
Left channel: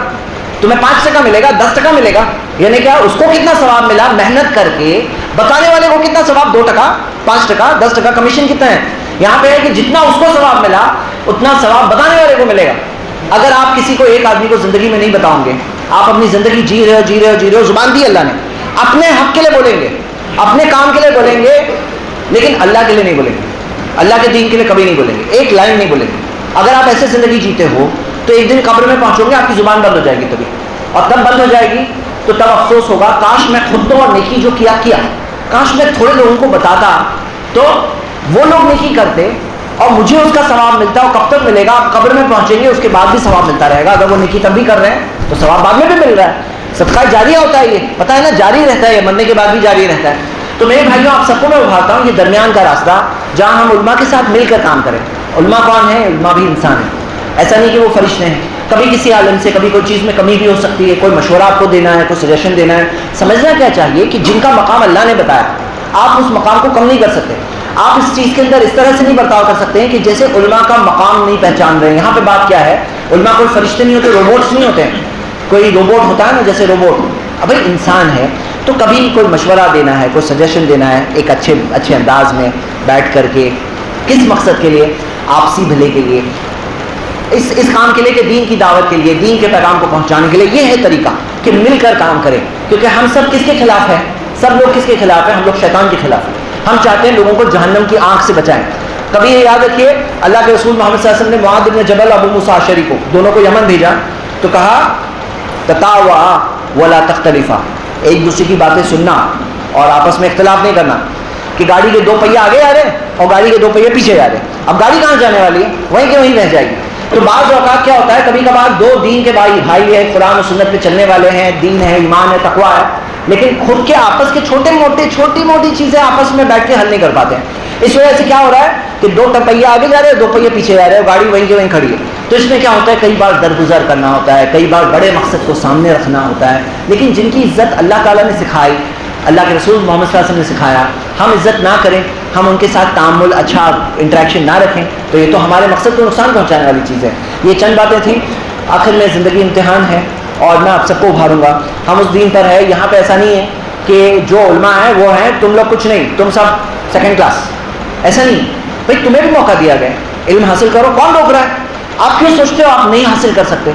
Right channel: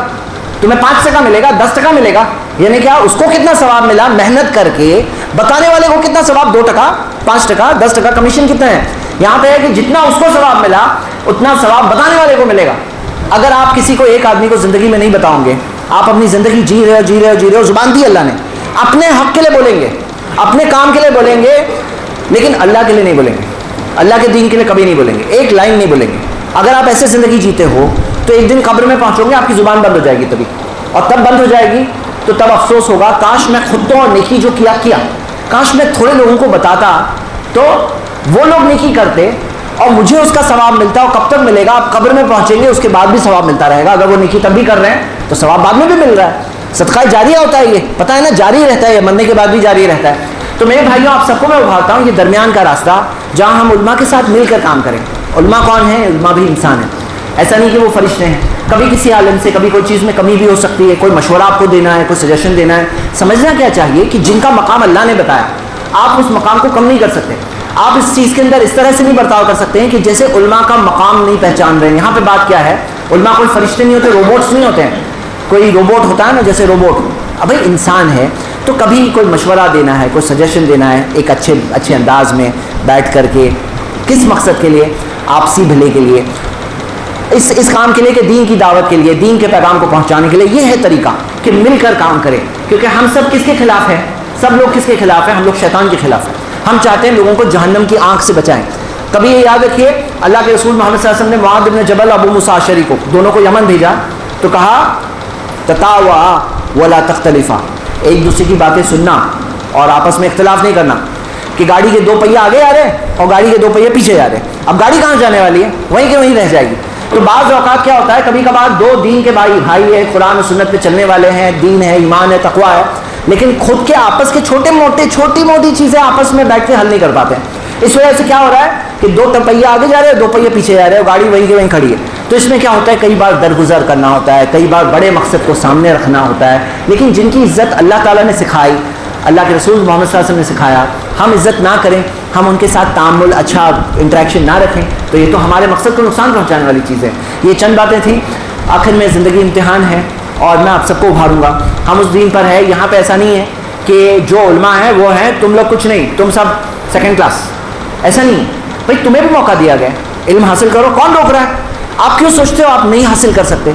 تمہیں 5% ملے گا، 10% ملے گا. یعنی کیا اس کو کتنا ثواب ملا محنت کر کے، بتانے والے کو کتنا ثواب، 2%، 5%، 10%. کمیشن کتنا ہے؟ یہاں پہ ہے کہ جتنا اس کو ثواب ملا اتنا ثواب بتانے والے کو ملے گا. اگر آپ کسی کو ایک آدمی کو زندگی میں نہیں بتاؤں گے، آپ اپنی زندگی جی رہے ہو، زبان دی اللہ نے، اپنے حق کے لیے بولیں گے، اپنے کام کے لیے بولیں گے، لیکن اللہ کے لیے نہیں بولیں گے، اللہ کے دین کے لیے کبھی نہیں بولیں گے، ایک لائن نہیں بولیں گے. اگر آپ ایسے زندگی جیتے ہو تو ایک دن قبر میں پہنچو گے آپ کی زبان بند ہو جائے گی تبھی، اور تب بند ہو جائے گی تو تب افسوس ہوگا کاش میں خود تو اور نیکی جو کیا کاش میں تھوڑے لوگوں کو بتاتا تو وہ لوگ نیکی کرتے اور مجھے اس کا ثواب ملتا. اور کب تک ملے گا؟ آپ قبر میں پہنچیں گے اس کے بعد بھی ثواب ملتا رہے گا. اگر وہ نیکی تب بھی کر رہے ہیں تو ثواب بعد میں بھی مل رہا ہے. صدقہ جاریہ ہوتا ہے، یہ پتہ ہے نا، جاری رہتا ہے، یہ مرنے کے بعد بھی جاری رہتا ہے. تو میرے بھائیوں آپ سب کو میں ابھارتا ہوں یہ درمیان کا راستہ جہاں ہم علماء کے ساتھ مل کر کام کریں. علماء کون ہیں؟ علماء بھی انسان ہیں. ایسا نہیں کہ وہ فرشتے ہیں. کبھی کسی عالم سے کبھی کوئی چیز میں کمی بھی ہو سکتی ہے، کوئی مشورہ آپ کو دینا ہے، کوئی سجیشن دینا ہے. سمجھنا کیا چاہیے کہ جن کا مقام اللہ نے بتایا آپ اس مقام کو کم نہیں کر سکتے. آپ اس چیز کے اندر اس طرح سے نہیں برتاؤ کر سکتے ہیں کہ جیسے علماء کا مقام نہیں پہچان رہے ہیں. یہاں پہ بات کیا ہے، علماء کوئی فرشتے نہیں ہوتے، روبوٹس نہیں ہوتے ہیں. کوئی روبوٹ ہوتا ہے نا، جیسے روبوٹ، ابھی انسان ہے تو کبھی کوئی مشورہ دینا ہے، کوئی سجیشن دینا ہے ایک اچھے انداز میں بیٹھ کر کے. کس مقصد کے لیے؟ آپسی بھلے کے لیے، اس کام کے لیے کہ دین کی دعوت کے لیے، دین کے پیغام کو پہنچانے کے لیے. یہ ہے طریقہ کہ مل کر کام کریں. کیونکہ ہم سب کس کے خلاف ہیں؟ سب لوگ کس کے خلاف ہیں؟ ہم لوگ شیطان کے خلاف ہیں. ہم چاہتے ہیں لوگوں کو جہنم کی آنکھ سے بچائیں. کبھی یہ یاد رکھیے اللہ کے رسول محمد صلی اللہ علیہ وسلم نے معاذ بن جبل، ابو موسیٰ اشعری کو، دونوں کو یمن بھیجا تو کہا تطاوعا ولا تختلفا، ایک دوسرے کی باتیں سننا اور آپس میں اختلاف نہیں کرنا. کہ گاڑی کے 2 پہیے آگے آ رہے ہیں اور گاڑی کے 2 پہیے پیچھے جا رہے ہیں، اب گاڑی کہاں جانے والی ہے؟ وہیں کے وہیں رہ جائے گی. تو بعض اوقات کیا ہوتا ہے، کبھی کبھار 2 دین کے بھائی ہیں، قرآن و سنت پہ چلنے والے ہیں، دین ہے، ایمان ہے، تقویٰ ہے، لیکن خود کے آپس کے چھوٹی موٹی چیزیں آپس میں بیٹھ کے حل نہیں کر پاتے ہیں. اس وجہ سے کیا ہو رہا ہے کہ 2 پہیے آگے جا رہے ہیں، 2 پہیے پیچھے جا رہے ہیں، گاڑی وہیں کے وہیں کھڑی ہے. تو اس میں کیا ہوتا ہے، کئی بار درگزر کرنا ہوتا ہے، کئی بار بڑے مقصد کو سامنے رکھنا ہوتا ہے. لیکن جن کی عزت اللہ تعالیٰ نے سکھائی اللہ کے رسول محمد صلی اللہ علیہ وسلم نے سکھایا. ہم عزت نہ کریں, ہم ان کے ساتھ تعامل اچھا انٹریکشن نہ رکھیں, تو یہ تو ہمارے مقصد کو نقصان پہنچانے والی چیز ہے. یہ چند باتیں تھیں. آخر میں زندگی امتحان ہے اور میں آپ سب کو ابھاروں گا. ہم اس دین پر ہے, یہاں پہ ایسا نہیں ہے کہ جو علماء ہیں وہ ہیں, تم لوگ کچھ نہیں, تم سب سیکنڈ کلاس. ایسا نہیں بھائی, تمہیں بھی موقع دیا گیا, علم حاصل کرو. کون روک رہا ہے؟ آپ کیوں سوچتے ہو آپ نہیں حاصل کر سکتے؟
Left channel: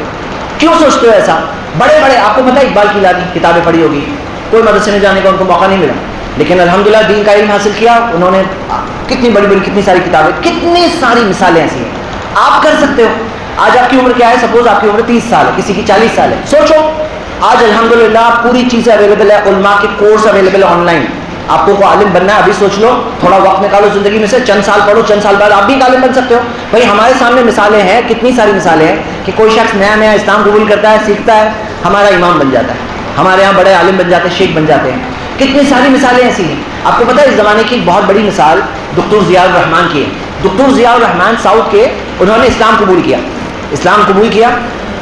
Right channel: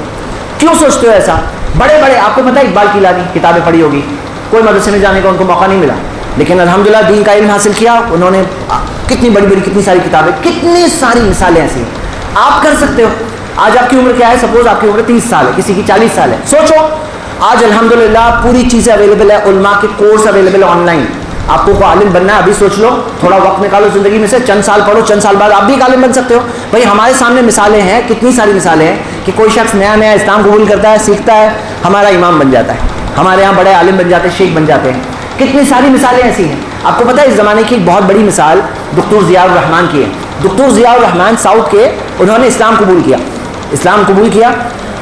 کیوں سوچتے ہو ایسا؟ بڑے بڑے, آپ کو پتہ ہے اقبال کیلانی کتابیں پڑھی ہوگی, کوئی مدرسے میں جانے کا ان کو موقع نہیں ملا, لیکن الحمدللہ دین کا علم حاصل کیا. انہوں نے کتنی بڑی بڑی کتنی ساری کتابیں, کتنی ساری مثالیں ایسی ہیں. آپ کر سکتے ہو. آج آپ کی عمر کیا ہے؟ سپوز آپ کی عمر 30 سال ہے, کسی کی 40 سال ہے. سوچو, آج الحمدللہ پوری چیزیں اویلیبل ہے, علماء کے کورس اویلیبل ہے آن لائن. آپ کو عالم بننا ہے, ابھی سوچ لو, تھوڑا وقت نکالو زندگی میں سے, چند سال پڑھو, چند سال بعد آپ بھی عالم بن سکتے ہو. بھائی ہمارے سامنے مثالیں ہیں, کتنی ساری مثالیں ہیں کہ کوئی شخص نیا نیا اسلام قبول کرتا ہے, سیکھتا ہے, ہمارا امام بن جاتا ہے, ہمارے یہاں بڑے عالم بن جاتے ہیں, شیخ بن جاتے ہیں. کتنی ساری مثالیں ایسی ہیں. آپ کو پتہ ہے اس زمانے کی ایک بہت بڑی مثال دکتور ضیاء الرحمان کی ہے. دکتور ضیاء الرحمان ساؤتھ کے, انہوں نے اسلام قبول کیا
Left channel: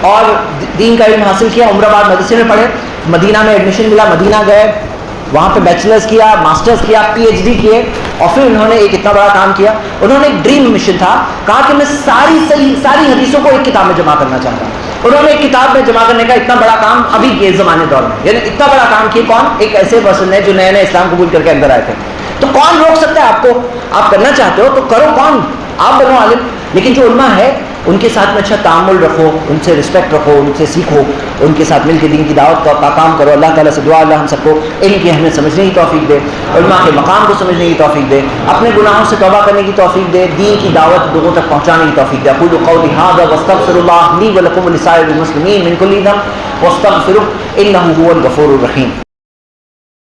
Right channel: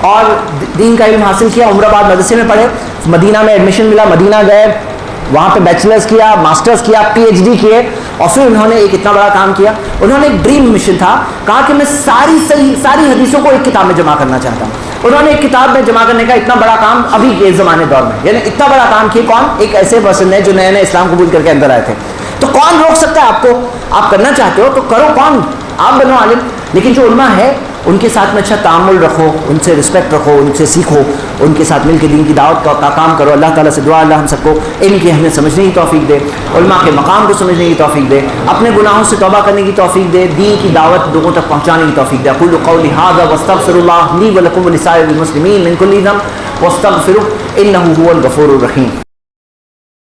اور دین کا علم حاصل کیا. عمر آباد مدرسے میں پڑھے, مدینہ میں ایڈمیشن ملا, مدینہ گئے, وہاں پہ بیچلرز کیا, ماسٹرز کیا, PhD کیے, اور پھر انہوں نے ایک اتنا بڑا کام کیا. انہوں نے ایک ڈریم مشن تھا, کہا کہ میں ساری حدیثوں کو ایک کتاب میں جمع کرنا چاہتا ہوں. انہوں نے ایک کتاب میں جمع کرنے کا اتنا بڑا کام ابھی کے زمانے دور میں, یعنی اتنا بڑا کام کیا. کون؟ ایک ایسے پرسن ہے جو نئے نئے اسلام قبول کر کے اندر آئے تھے. تو کون روک سکتا ہے آپ کو؟ آپ کرنا چاہتے ہو تو کرو, کون؟ آپ بنو عالم. لیکن جو علماء ہے ان کے ساتھ میں اچھا تعامل رکھو, ان سے رسپیکٹ رکھو, ان سے سیکھو, ان کے ساتھ مل کے دین کی دعوت کا کام کرو. اللہ تعالیٰ سے دعا, اللہ ہم سب کو علم کی اہمیت سمجھنے کی توفیق دے, علماء کے مقام کو سمجھنے کی توفیق دے, اپنے گناہوں سے توبہ کرنے کی توفیق دے, دین کی دعوت لوگوں تک پہنچانے کی توفیق دے. اقول قولی ھذا واستغفر اللہ لی ولکم ولسائر المسلمین من کل ذنب واستغفروہ انہ ھو الغفور الرحیم.